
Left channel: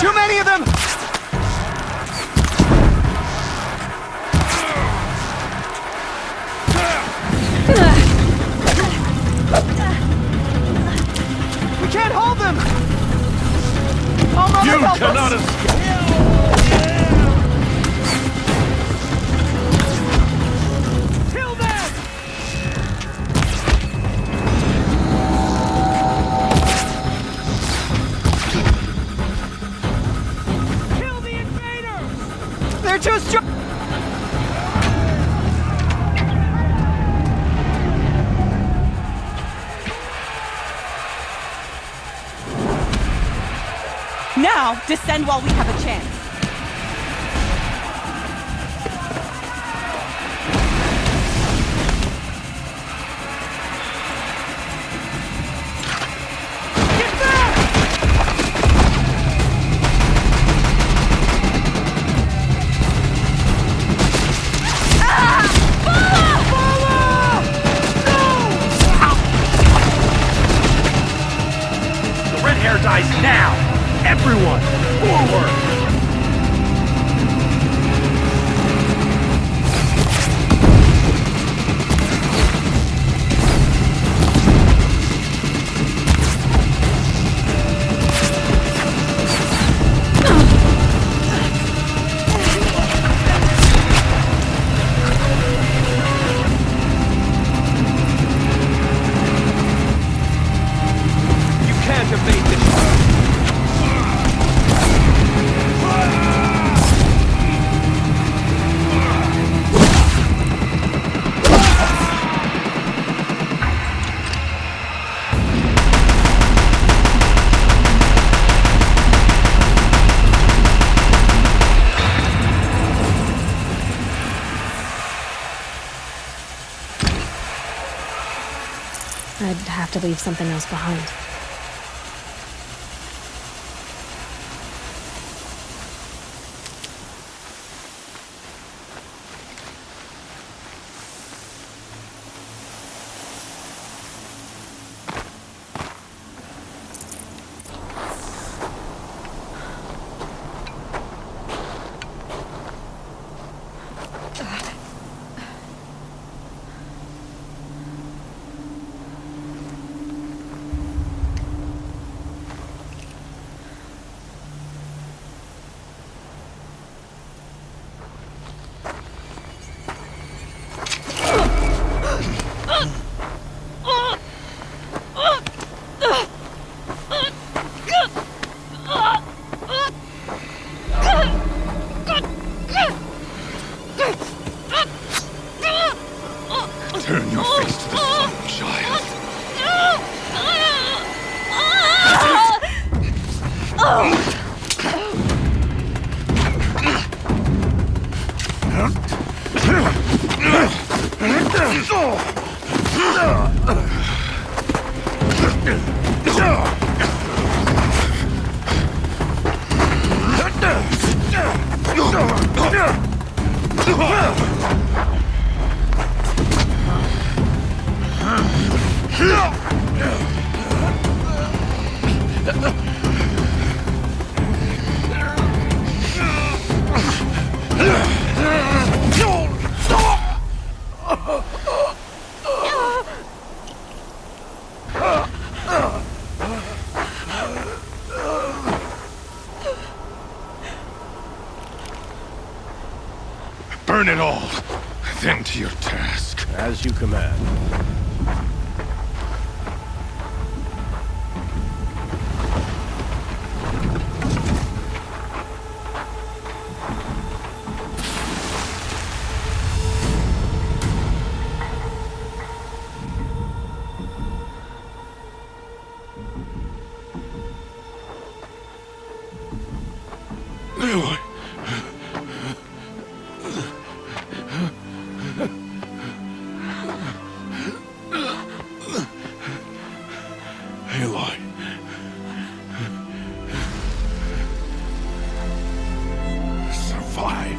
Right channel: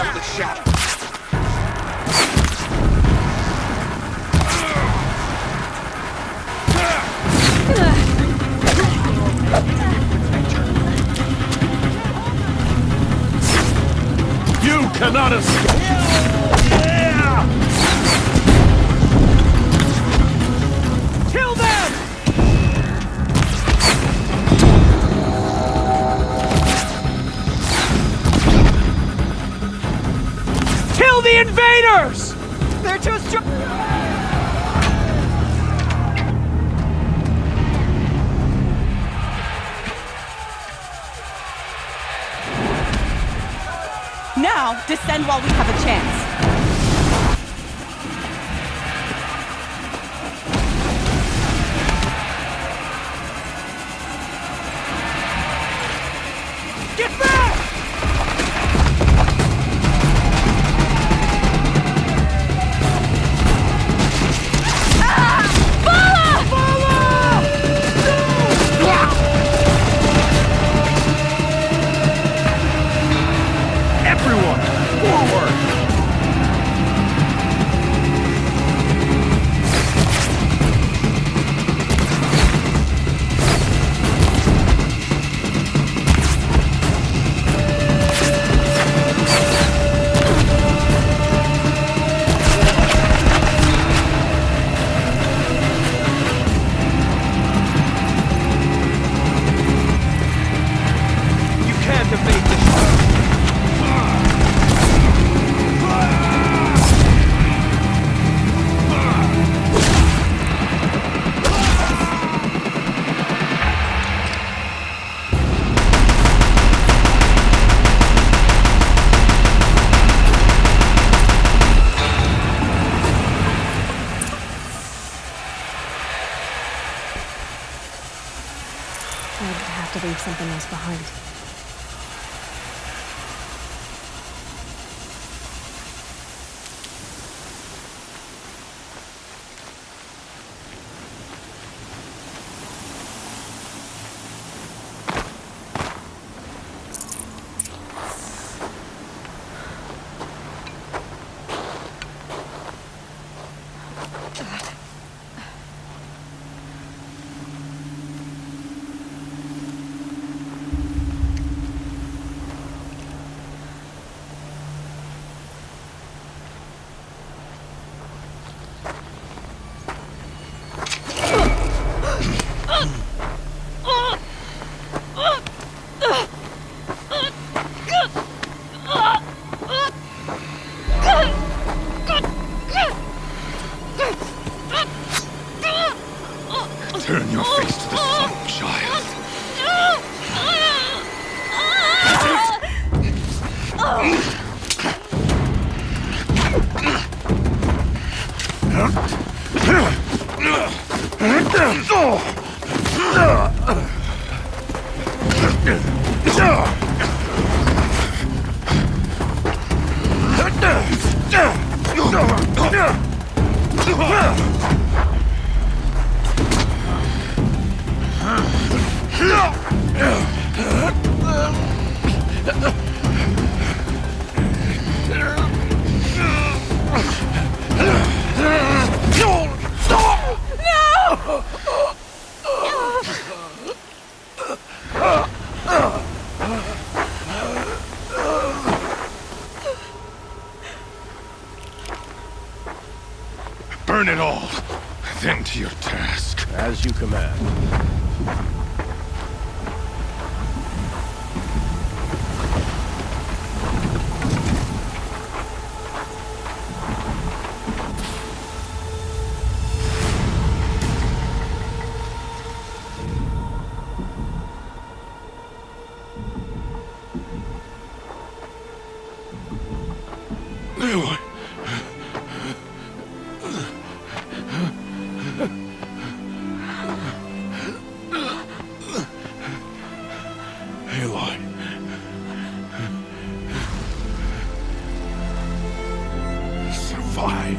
Too many of them! cannot escape! Kill them! Kill the invaders! They're too strong! Now, descend while we have a chance. Get back! Red hair dies now! Everyone, forward! You can't evade this. I'd have to leave something else behind. Turn your face to the sun, child. Burn it all, then to your task. As you command. Aloy. Aloy. Survive.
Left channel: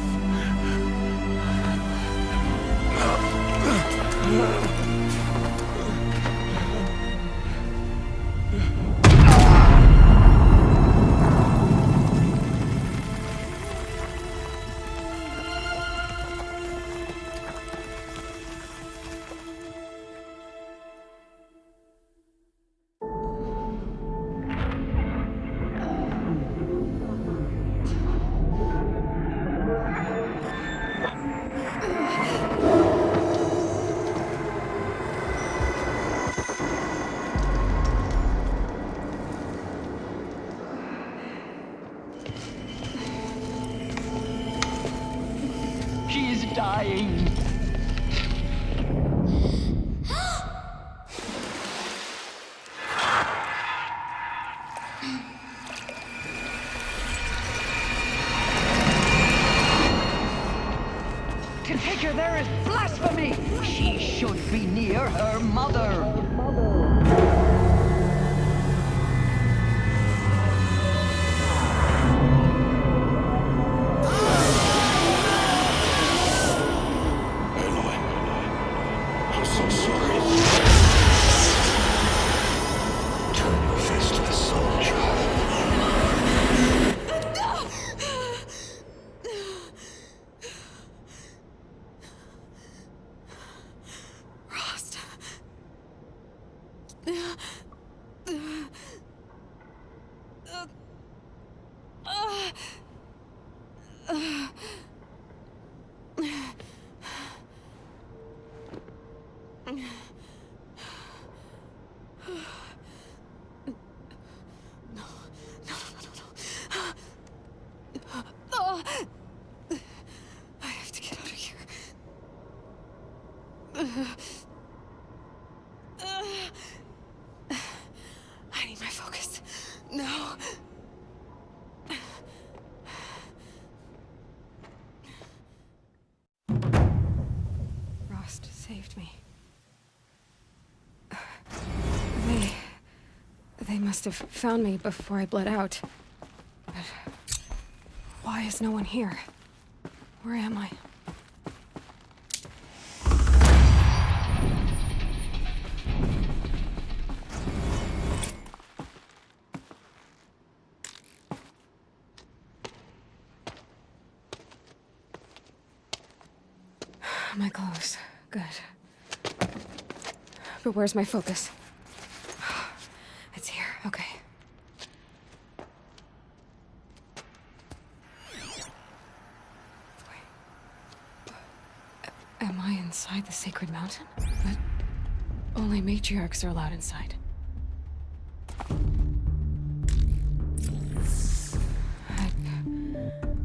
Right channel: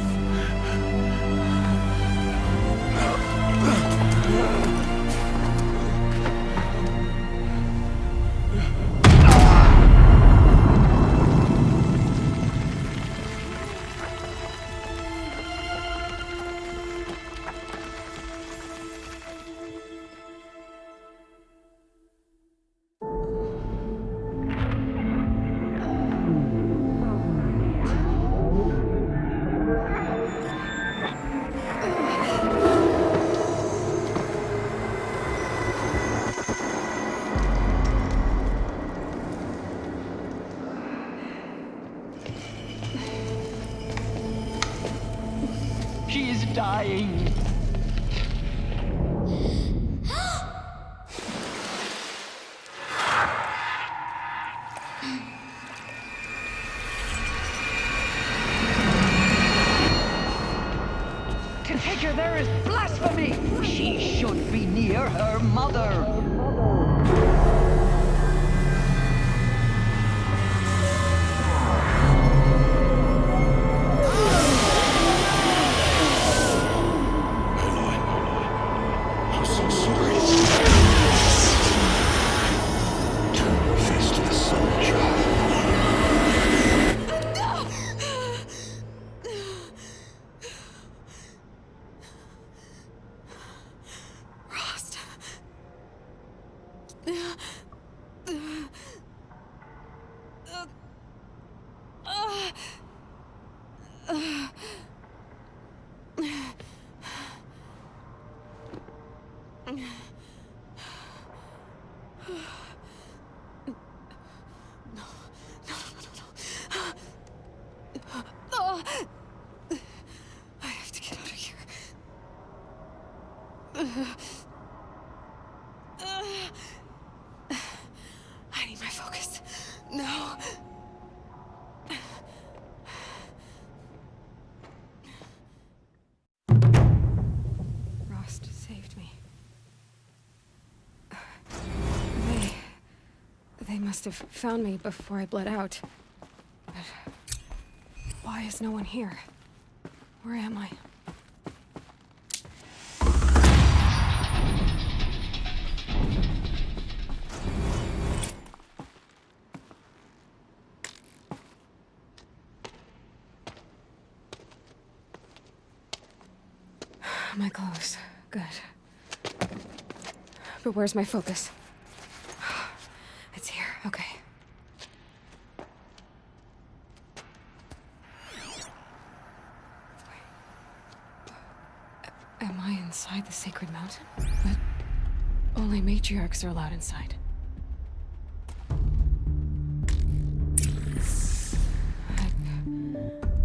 She is dying. To take her there is blasphemy! She should be near her mother. Aloy, I'm so sorry. Turn your face to the sun, child. Rost. I have to get out of here. I need my focus. No. Rost saved me. They must have found me before I bled out. But why is no one here? Where am I? My clothes. Good. But where's my focus? It's here. Okay. Am I inside the sacred mountain? But only matriarchs are allowed inside.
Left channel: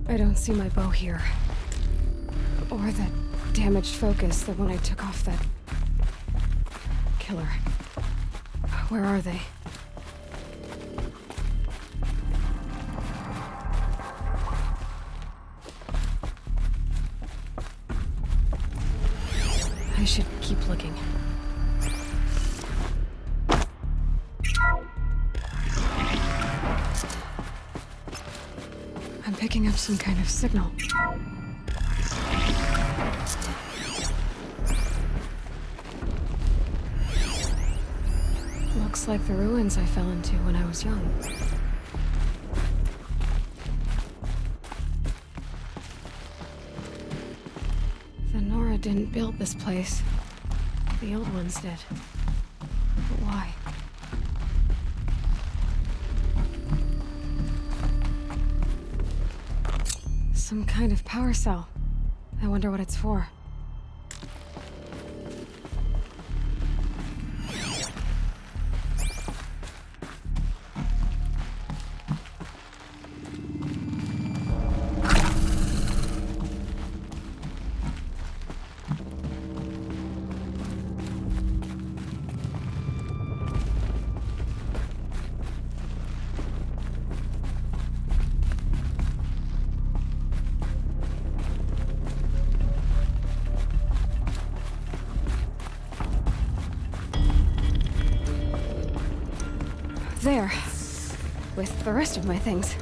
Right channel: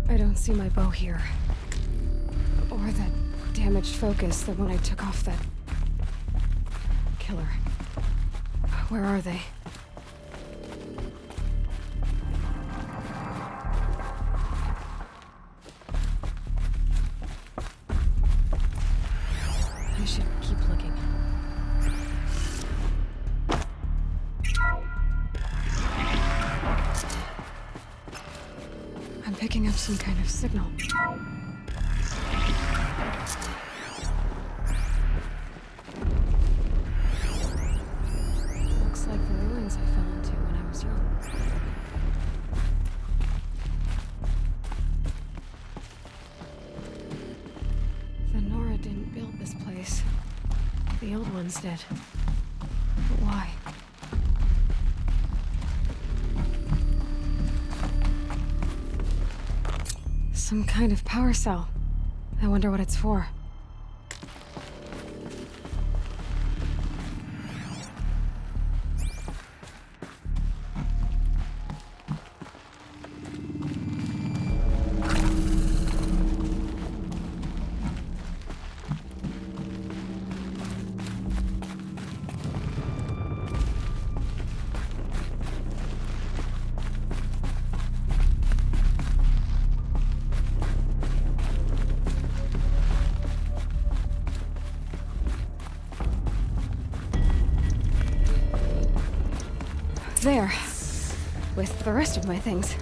I don't see my bow here. Or that damaged focus, the one I took off that killer. Where are they? I should keep looking. I'm picking up some kind of signal. Looks like the ruins I fell into when I was young. The Nora didn't build this place. The old ones did. But why? Some kind of power cell. I wonder what it's for. There. With the rest of my things.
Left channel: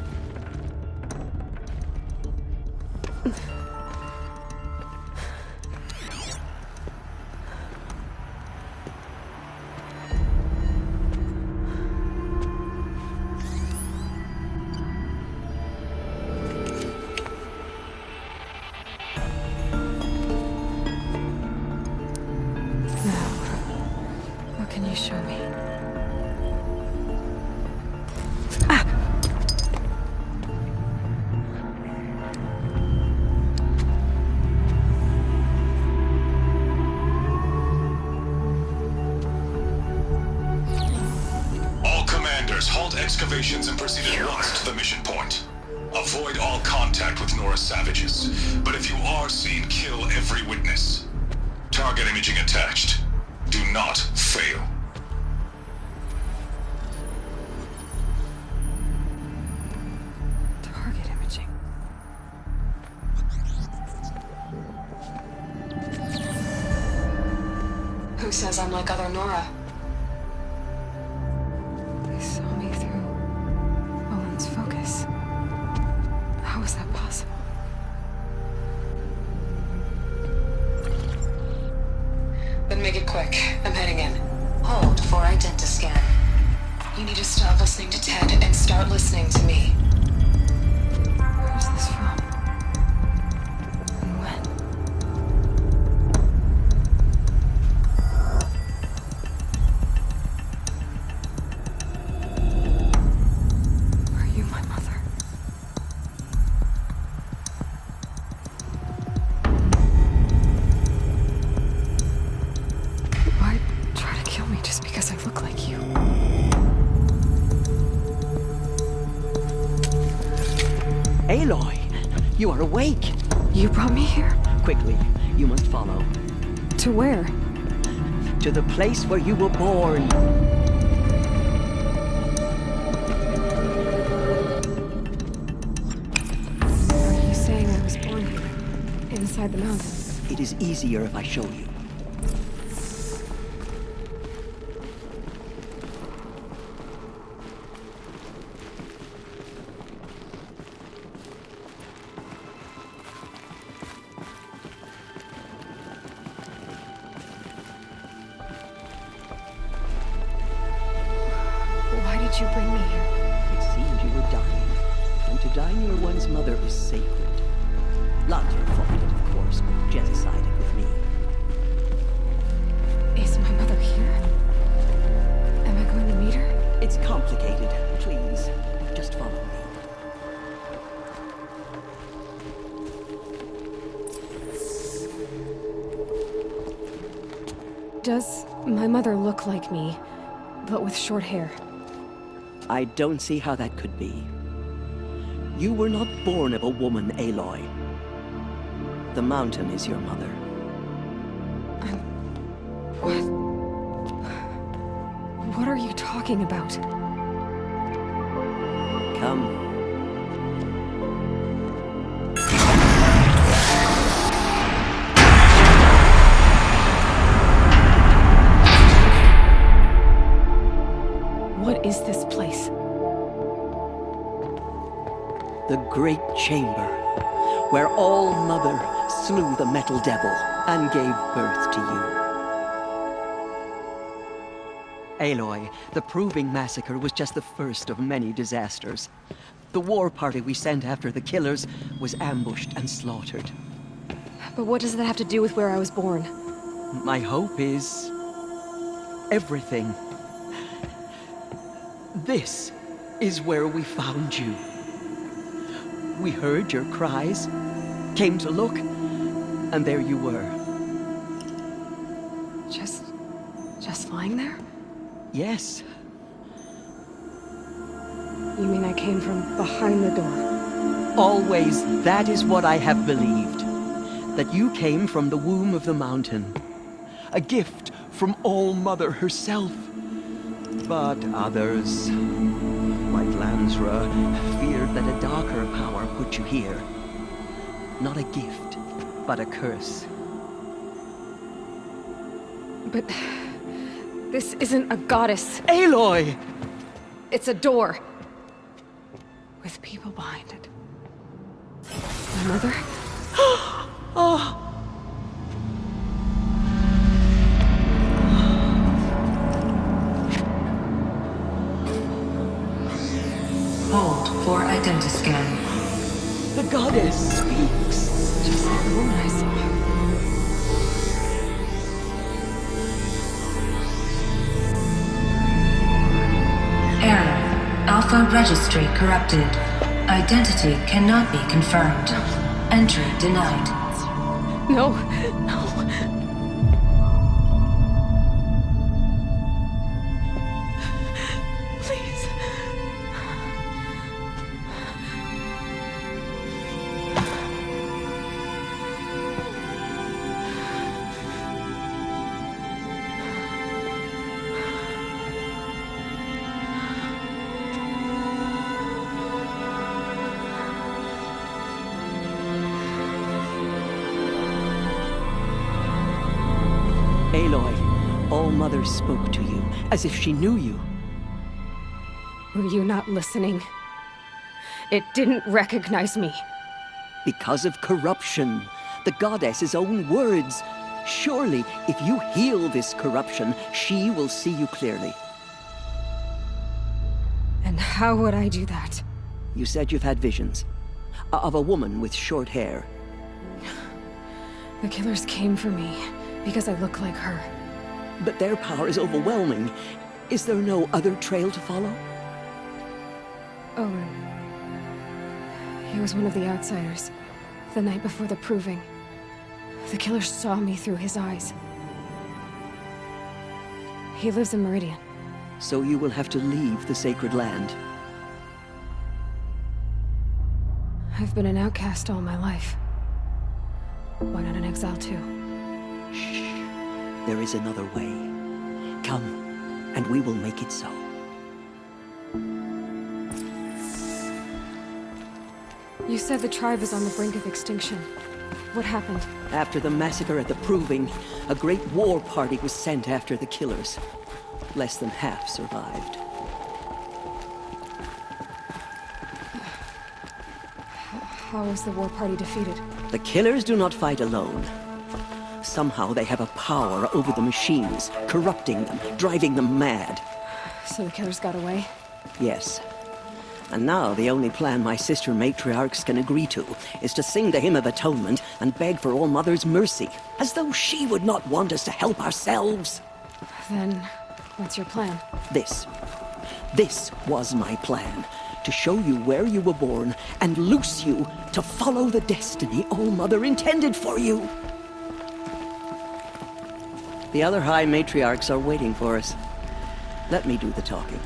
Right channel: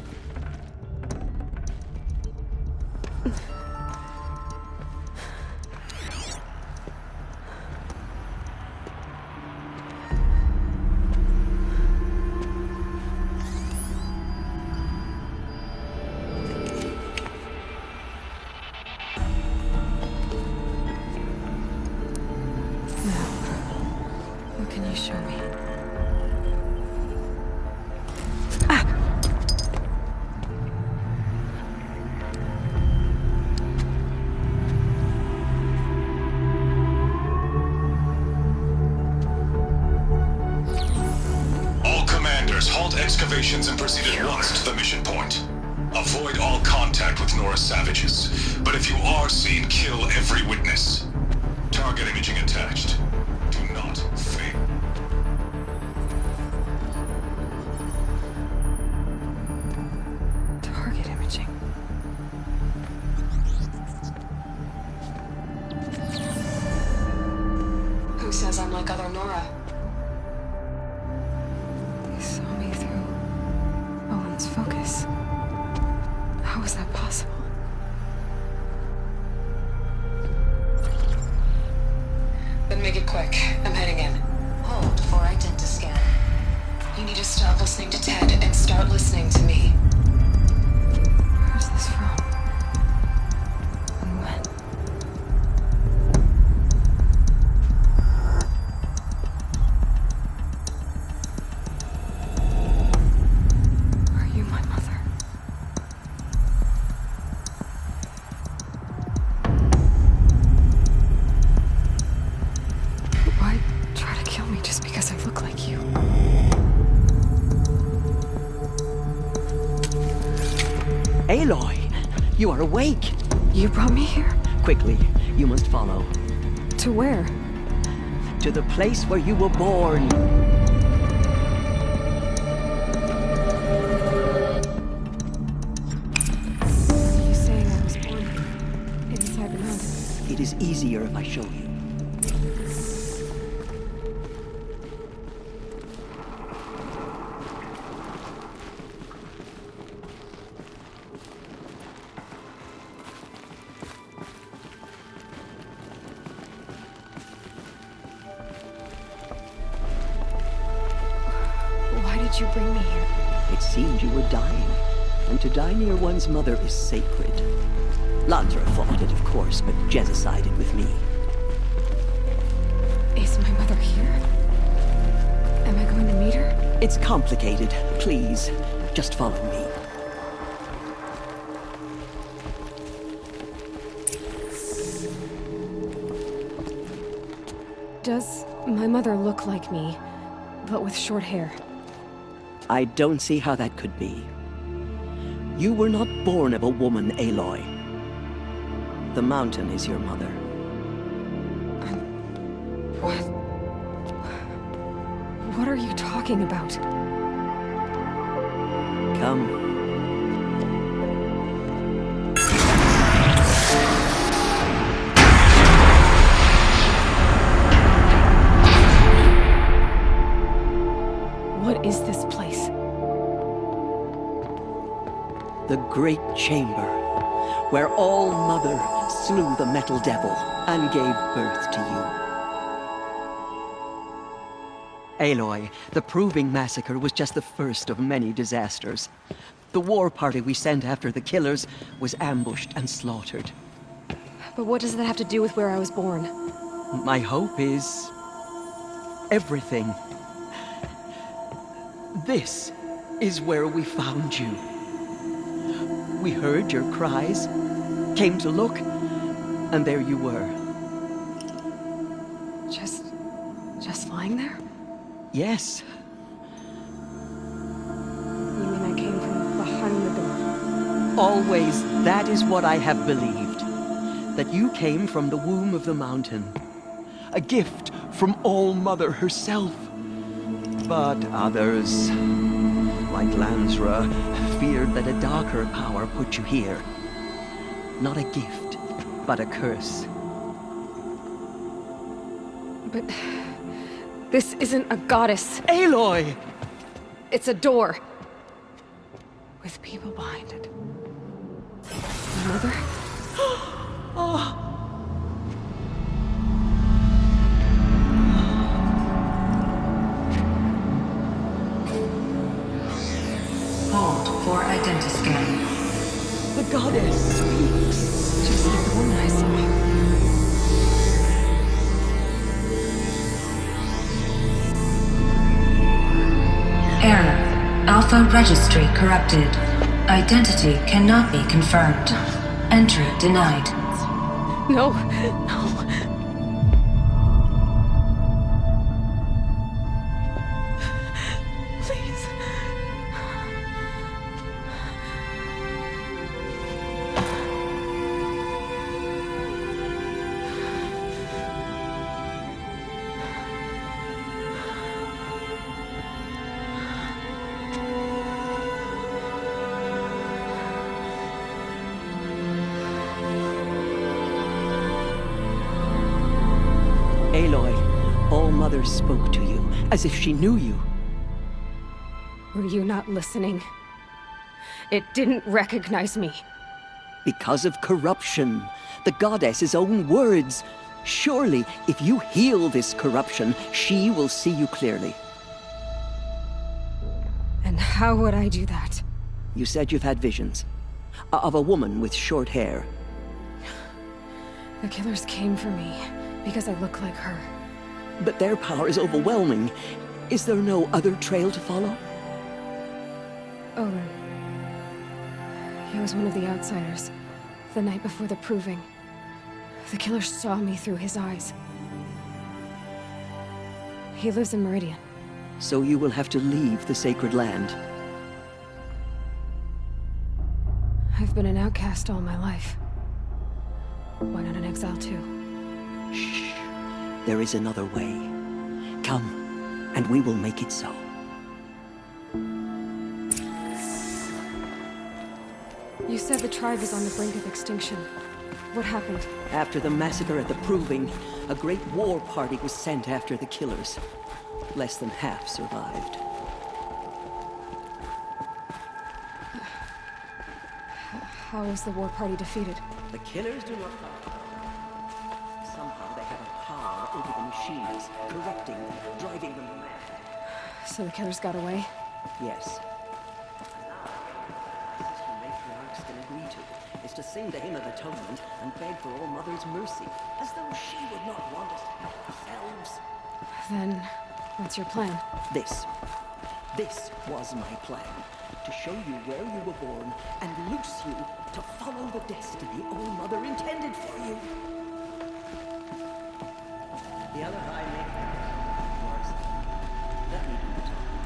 Now, what can you show me? All commanders, halt excavations and proceed at once to the mission point. Avoid all contact with Nora savages, but if you are seen, kill every witness. Target imaging attached. Do not fail. Target imaging. Who says I'm like other Nora? They saw me through Owen's focus. How is that possible? Then make it quick. I'm heading in. Hold for identiscan. You need to stop listening to Ted and start listening to me. Where's this from? And when? Are you my mother? Why try to kill me just because I look like you? Aloy, you are awake. You brought me here? Quickly, you must follow. To where? To the place where you were born. Are you saying I was born here? Inside the mountain? It is easier if I show you. Why did you bring me here? It seemed you were dying, and to die near one's mother is sacred. Lansra fought it, of course, but Jezza sided with me. Is my mother here? Am I going to meet her? It's complicated. Please, just follow me. Does my mother look like me, but with short hair? I don't see how that could be. You were not born of a woman, Aloy. The mountain is your mother. What? What are you talking about? Come. What is this place? The Great Chamber, where All Mother slew the Metal Devil and gave birth to you. Aloy, the Proving Massacre was just the first of many disasters. The war party we sent after the killers was ambushed and slaughtered. But what does that have to do with where I was born? My hope is everything. This is where we found you. We heard your cries, came to look, and there you were. Just lying there? Yes. You mean I came from behind the door? Always, that is what I have believed. That you came from the womb of the mountain. A gift from All Mother herself. But others, like Lansra, feared that a darker power put you here. Not a gift, but a curse. But this isn't a goddess. Aloy! It's a door. With people behind it. My mother? Oh! Hold for identiscan. The goddess speaks. Just like the woman I saw. Error. Alpha registry corrupted. Identity cannot be confirmed. Entry denied. No, no. Please. Aloy, All-Mother spoke to you, as if she knew you. Were you not listening? It didn't recognize me. Because of corruption. The goddess's own words. Surely, if you heal this corruption, she will see you clearly. And how would I do that? You said you've had visions. Of a woman with short hair. The killers came for me because I look like her. But their power is overwhelming. Is there no other trail to follow? Owen. He was one of the outsiders. The night before the proving. The killer saw me through his eyes. He lives in Meridian. So you will have to leave the sacred land. I've been an outcast all my life. Why not an exile too? Shh. There is another way. Come, and we will make it so. You said the tribe is on the brink of extinction. What happened? After the massacre at the Proving, a great war party was sent after the killers. Less than half survived. How was the war party defeated? The killers do not fight alone. Somehow they have a power over the machines, corrupting them, driving them mad. So the killers got away? Yes. And now the only plan my sister matriarchs can agree to is to sing the Hymn of Atonement and beg for All-Mother's mercy, as though she would not want us to help ourselves. Then, what's your plan? This was my plan. To show you where you were born and loose you to follow the destiny All-Mother intended for you. The other High Matriarchs are waiting for us. Let me do the talking.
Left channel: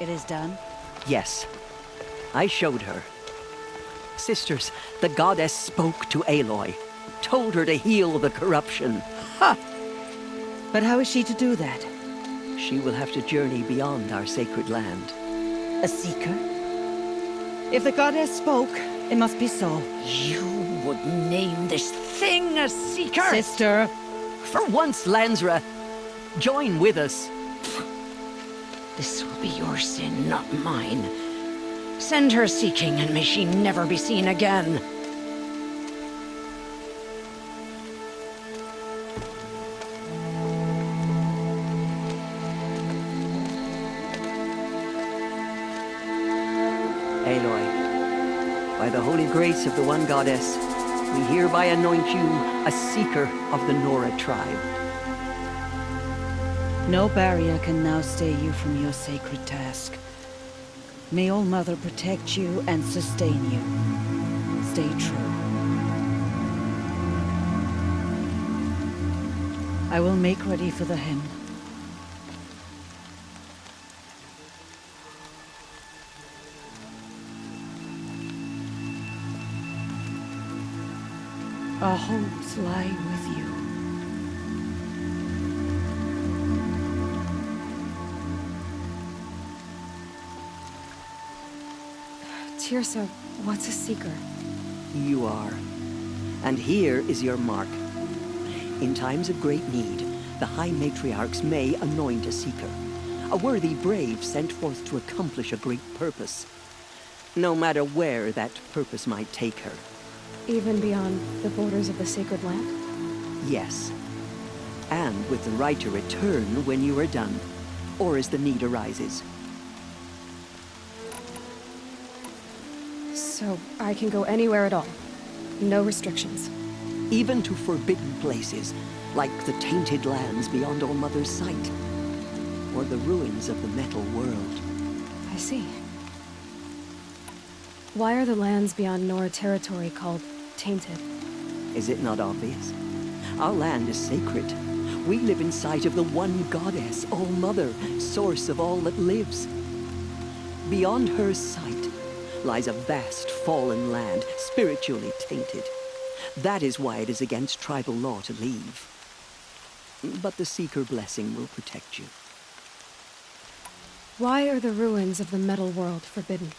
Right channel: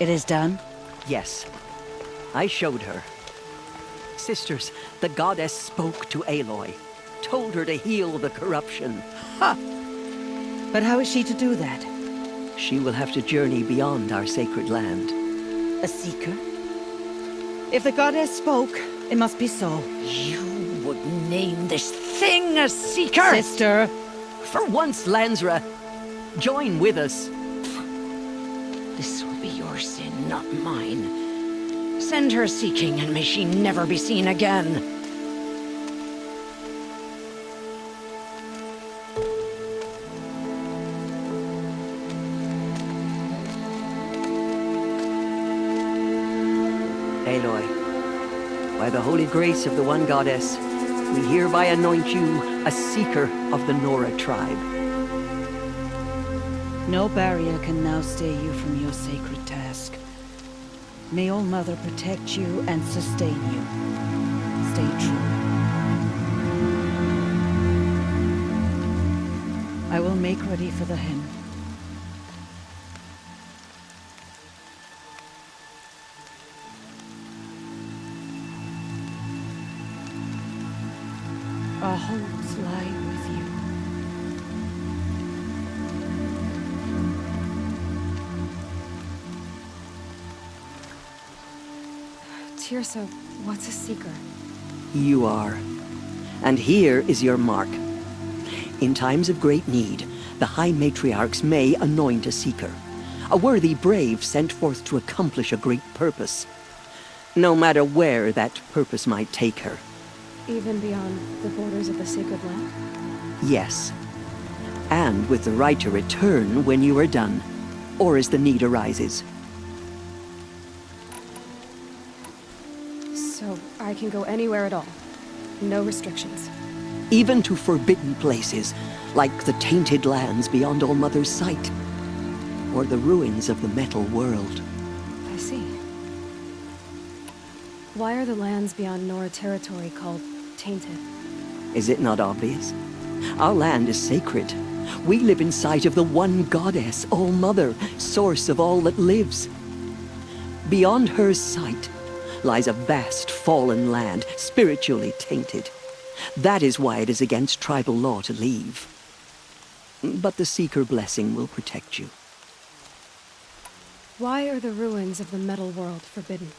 It is done? Yes. I showed her. Sisters, the goddess spoke to Aloy. Told her to heal the corruption. Ha! But how is she to do that? She will have to journey beyond our sacred land. A seeker? If the goddess spoke, it must be so. You would name this thing a seeker? Sister! For once, Lansra, join with us. This will be your sin, not mine. Send her seeking, and may she never be seen again. Aloy, by the holy grace of the one goddess, we hereby anoint you a seeker of the Nora tribe. No barrier can now stay you from your sacred task. May All-Mother protect you and sustain you. Stay true. I will make ready for the hymn. Our hopes lie with you. Tirsa, what's a seeker? You are. And here is your mark. In times of great need, the High Matriarchs may anoint a seeker. A worthy brave sent forth to accomplish a great purpose. No matter where that purpose might take her. Even beyond the borders of the sacred land? Yes. And with the right to return when you are done, or as the need arises. So I can go anywhere at all? No restrictions? Even to forbidden places, like the tainted lands beyond All-Mother's sight. Or the ruins of the metal world. I see. Why are the lands beyond Nora territory called tainted? Is it not obvious? Our land is sacred. We live in sight of the one goddess, All-Mother, source of all that lives. Beyond her sight lies a vast fallen land, spiritually tainted. That is why it is against tribal law to leave. But the Seeker blessing will protect you. Why are the ruins of the metal world forbidden?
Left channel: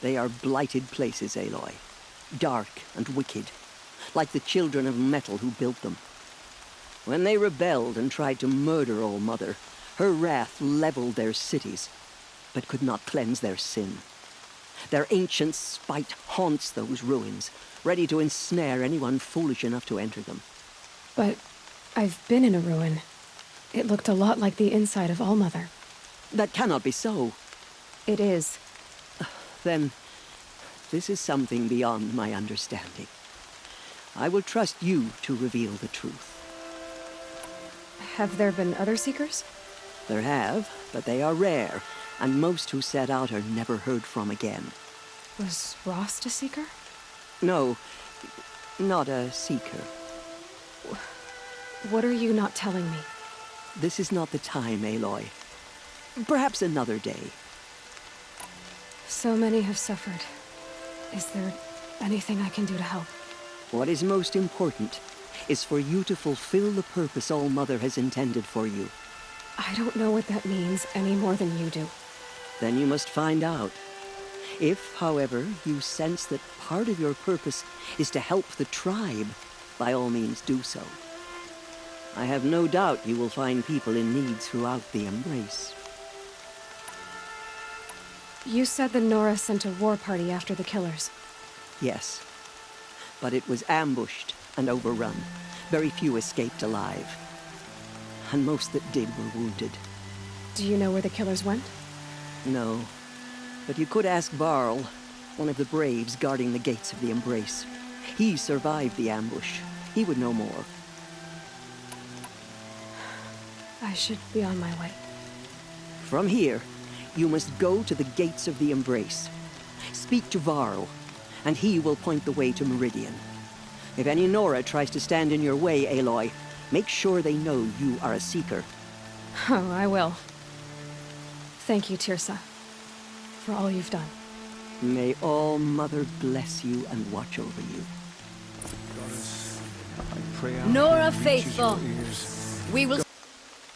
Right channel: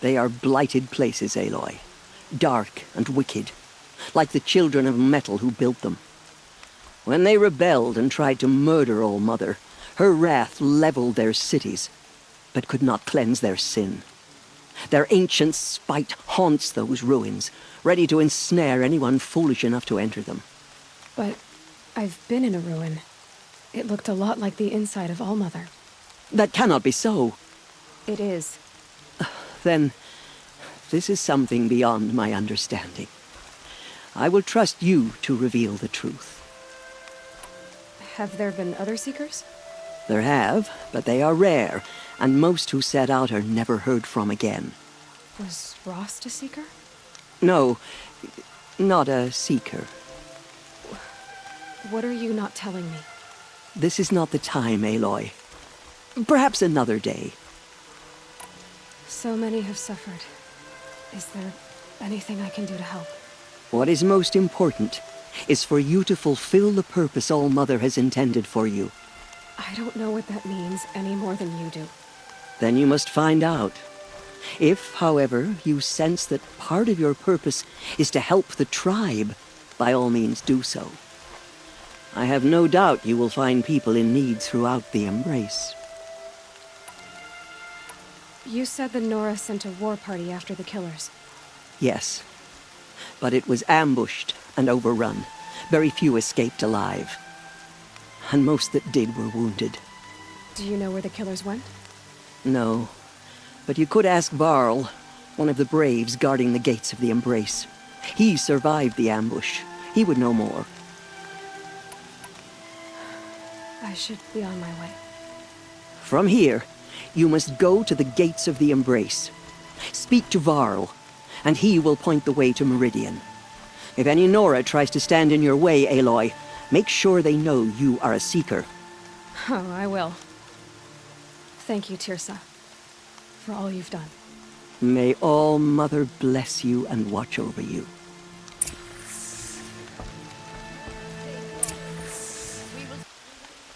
They are blighted places, Aloy. Dark and wicked, like the children of metal who built them. When they rebelled and tried to murder All Mother, her wrath leveled their cities, but could not cleanse their sin. Their ancient spite haunts those ruins, ready to ensnare anyone foolish enough to enter them. But I've been in a ruin. It looked a lot like the inside of All Mother. That cannot be so. It is. Then, this is something beyond my understanding. I will trust you to reveal the truth. Have there been other Seekers? There have, but they are rare, and most who set out are never heard from again. Was Rost a Seeker? No, not a Seeker. What are you not telling me? This is not the time, Aloy. Perhaps another day. So many have suffered. Is there anything I can do to help? What is most important is for you to fulfill the purpose All Mother has intended for you. I don't know what that means any more than you do. Then you must find out. If, however, you sense that part of your purpose is to help the tribe, by all means do so. I have no doubt you will find people in need throughout the Embrace. You said the Nora sent a war party after the killers. Yes, but it was ambushed and overrun. Very few escaped alive. And most that did were wounded. Do you know where the killers went? No, but you could ask Varl, one of the Braves guarding the gates of the Embrace. He survived the ambush. He would know more. I should be on my way. From here, you must go to the gates of the Embrace. Speak to Varl, and he will point the way to Meridian. If any Nora tries to stand in your way, Aloy, make sure they know you are a Seeker. Oh, I will. Thank you, Tirsa, for all you've done. May All Mother bless you and watch over you. Nora faithful, we will...